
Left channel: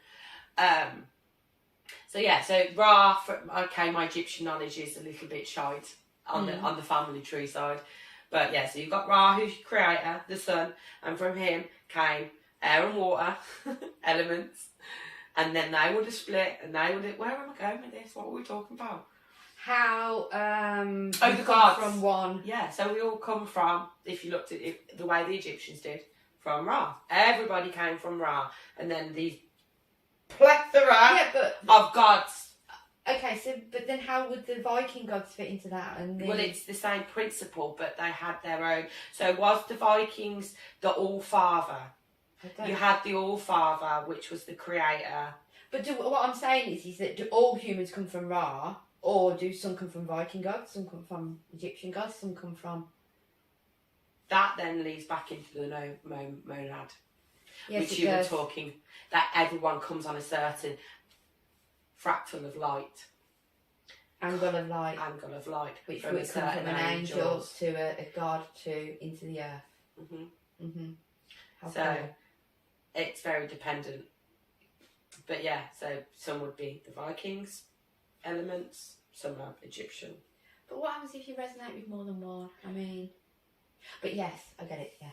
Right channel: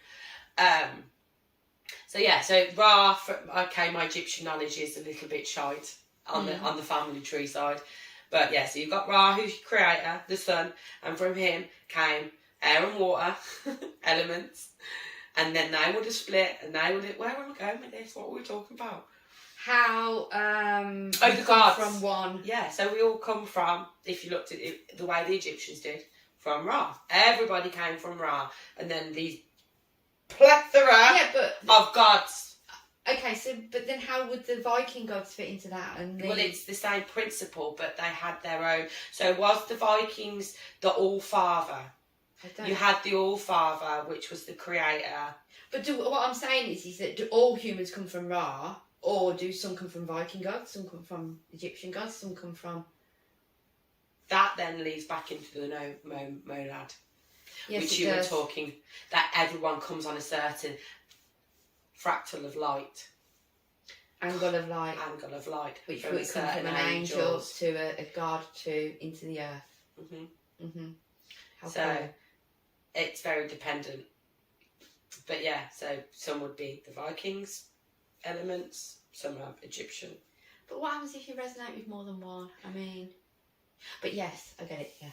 So yeah, so Ra. Okay, my Egyptian knowledge is a little bit shite on the family tree side, but yeah. So you've got Ra, who's your creator, the sun, and from him came air and water elements, and then they would have split, and they would have. Where am I going with this? What were we talking about? How the gods from one. Yeah, so we all come from. If you looked at it, the way the Egyptians did, from Ra. Everybody came from Ra, and then these plethora of gods. Okay, so but then how would the Viking gods fit into that? Well, it's the same principle, but they had their own. So was the Vikings the All-Father? You had the All-Father, which was the creator. But what I'm saying is that do all humans come from Ra, or do some come from Viking gods, some come from Egyptian gods, some come from... That then leads back into the monad. Yes, which you were talking, that everyone comes on a certain fractal of light. Angle of light. Which would come from an angel to a god to into the earth. Mm-hmm. Mm-hmm. So it's very dependent. But yeah, so some would be the Vikings elements, some are Egyptian. But what happens if you resonate with more than one? I mean... But yes, I get it, yeah.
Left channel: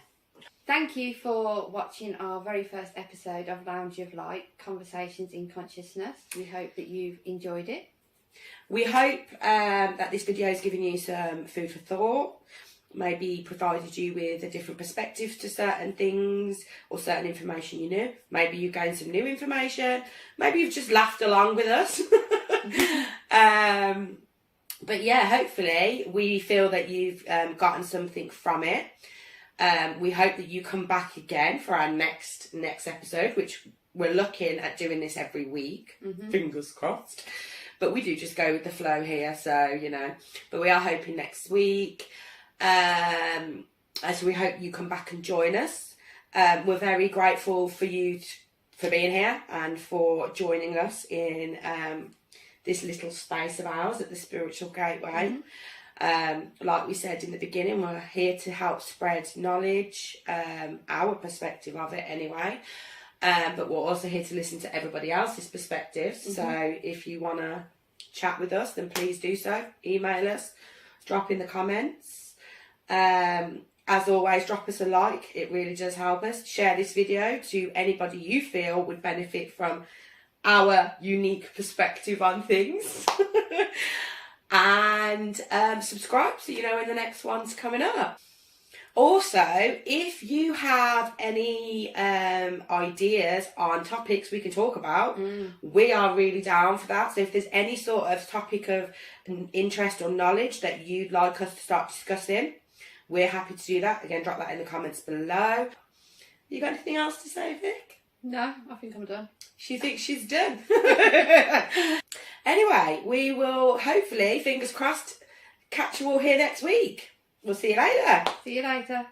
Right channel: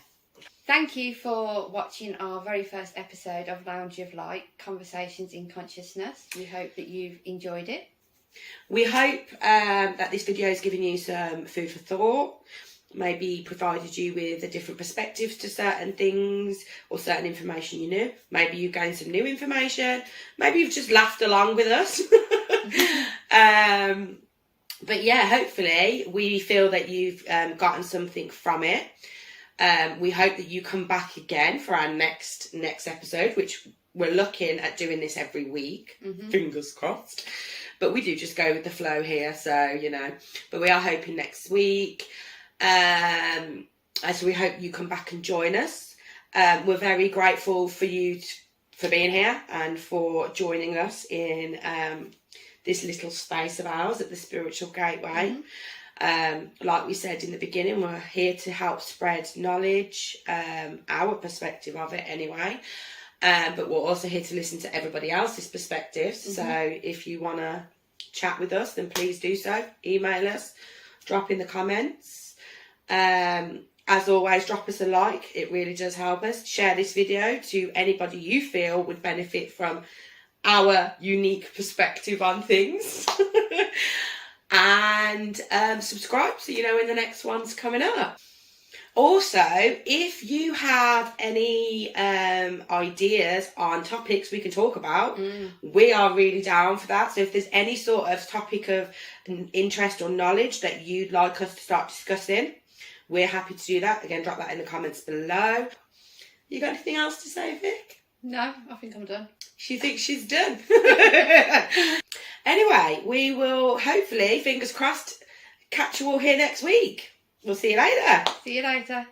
Thank you for watching our very first episode of Lounge of Light, Conversations in Consciousness. We hope that you've enjoyed it. We hope that this video has given you some food for thought, maybe provided you with a different perspective to certain things or certain information you knew. Maybe you've gained some new information. Maybe you've just laughed along with us. But yeah, hopefully we feel that you've gotten something from it. We hope that you come back again for our next episode, which we're looking at doing this every week. Mm-hmm. Fingers crossed. But we do just go with the flow here, so, you know. But we are hoping next week. So we hope you come back and join us. We're very grateful for you for being here and for joining us in this little space of ours at the Spiritual Gateway. Mm-hmm. Like we said in the beginning, we're here to help spread knowledge, our perspective of it anyway. But we're also here to listen to everybody else's perspectives. Mm-hmm. So if you want to chat with us, then please do so. Email us, drop in the comments. As always, drop us a like. It really does help us. Share this video to anybody you feel would benefit from our unique perspective on things. and subscribe so you know when the next one's coming up. Also, if you have any ideas on topics we can talk about, we are really down for that. So if there's any sort of topic of interest or knowledge that you'd like us to start discussing, we're happy to do that. Again, drop that in the comments below. You got anything else to say, Vic? No, I think I'm done. She thinks she's done. Anyway, we will hopefully, fingers crossed, catch you all here next week. We'll see you later. See you later.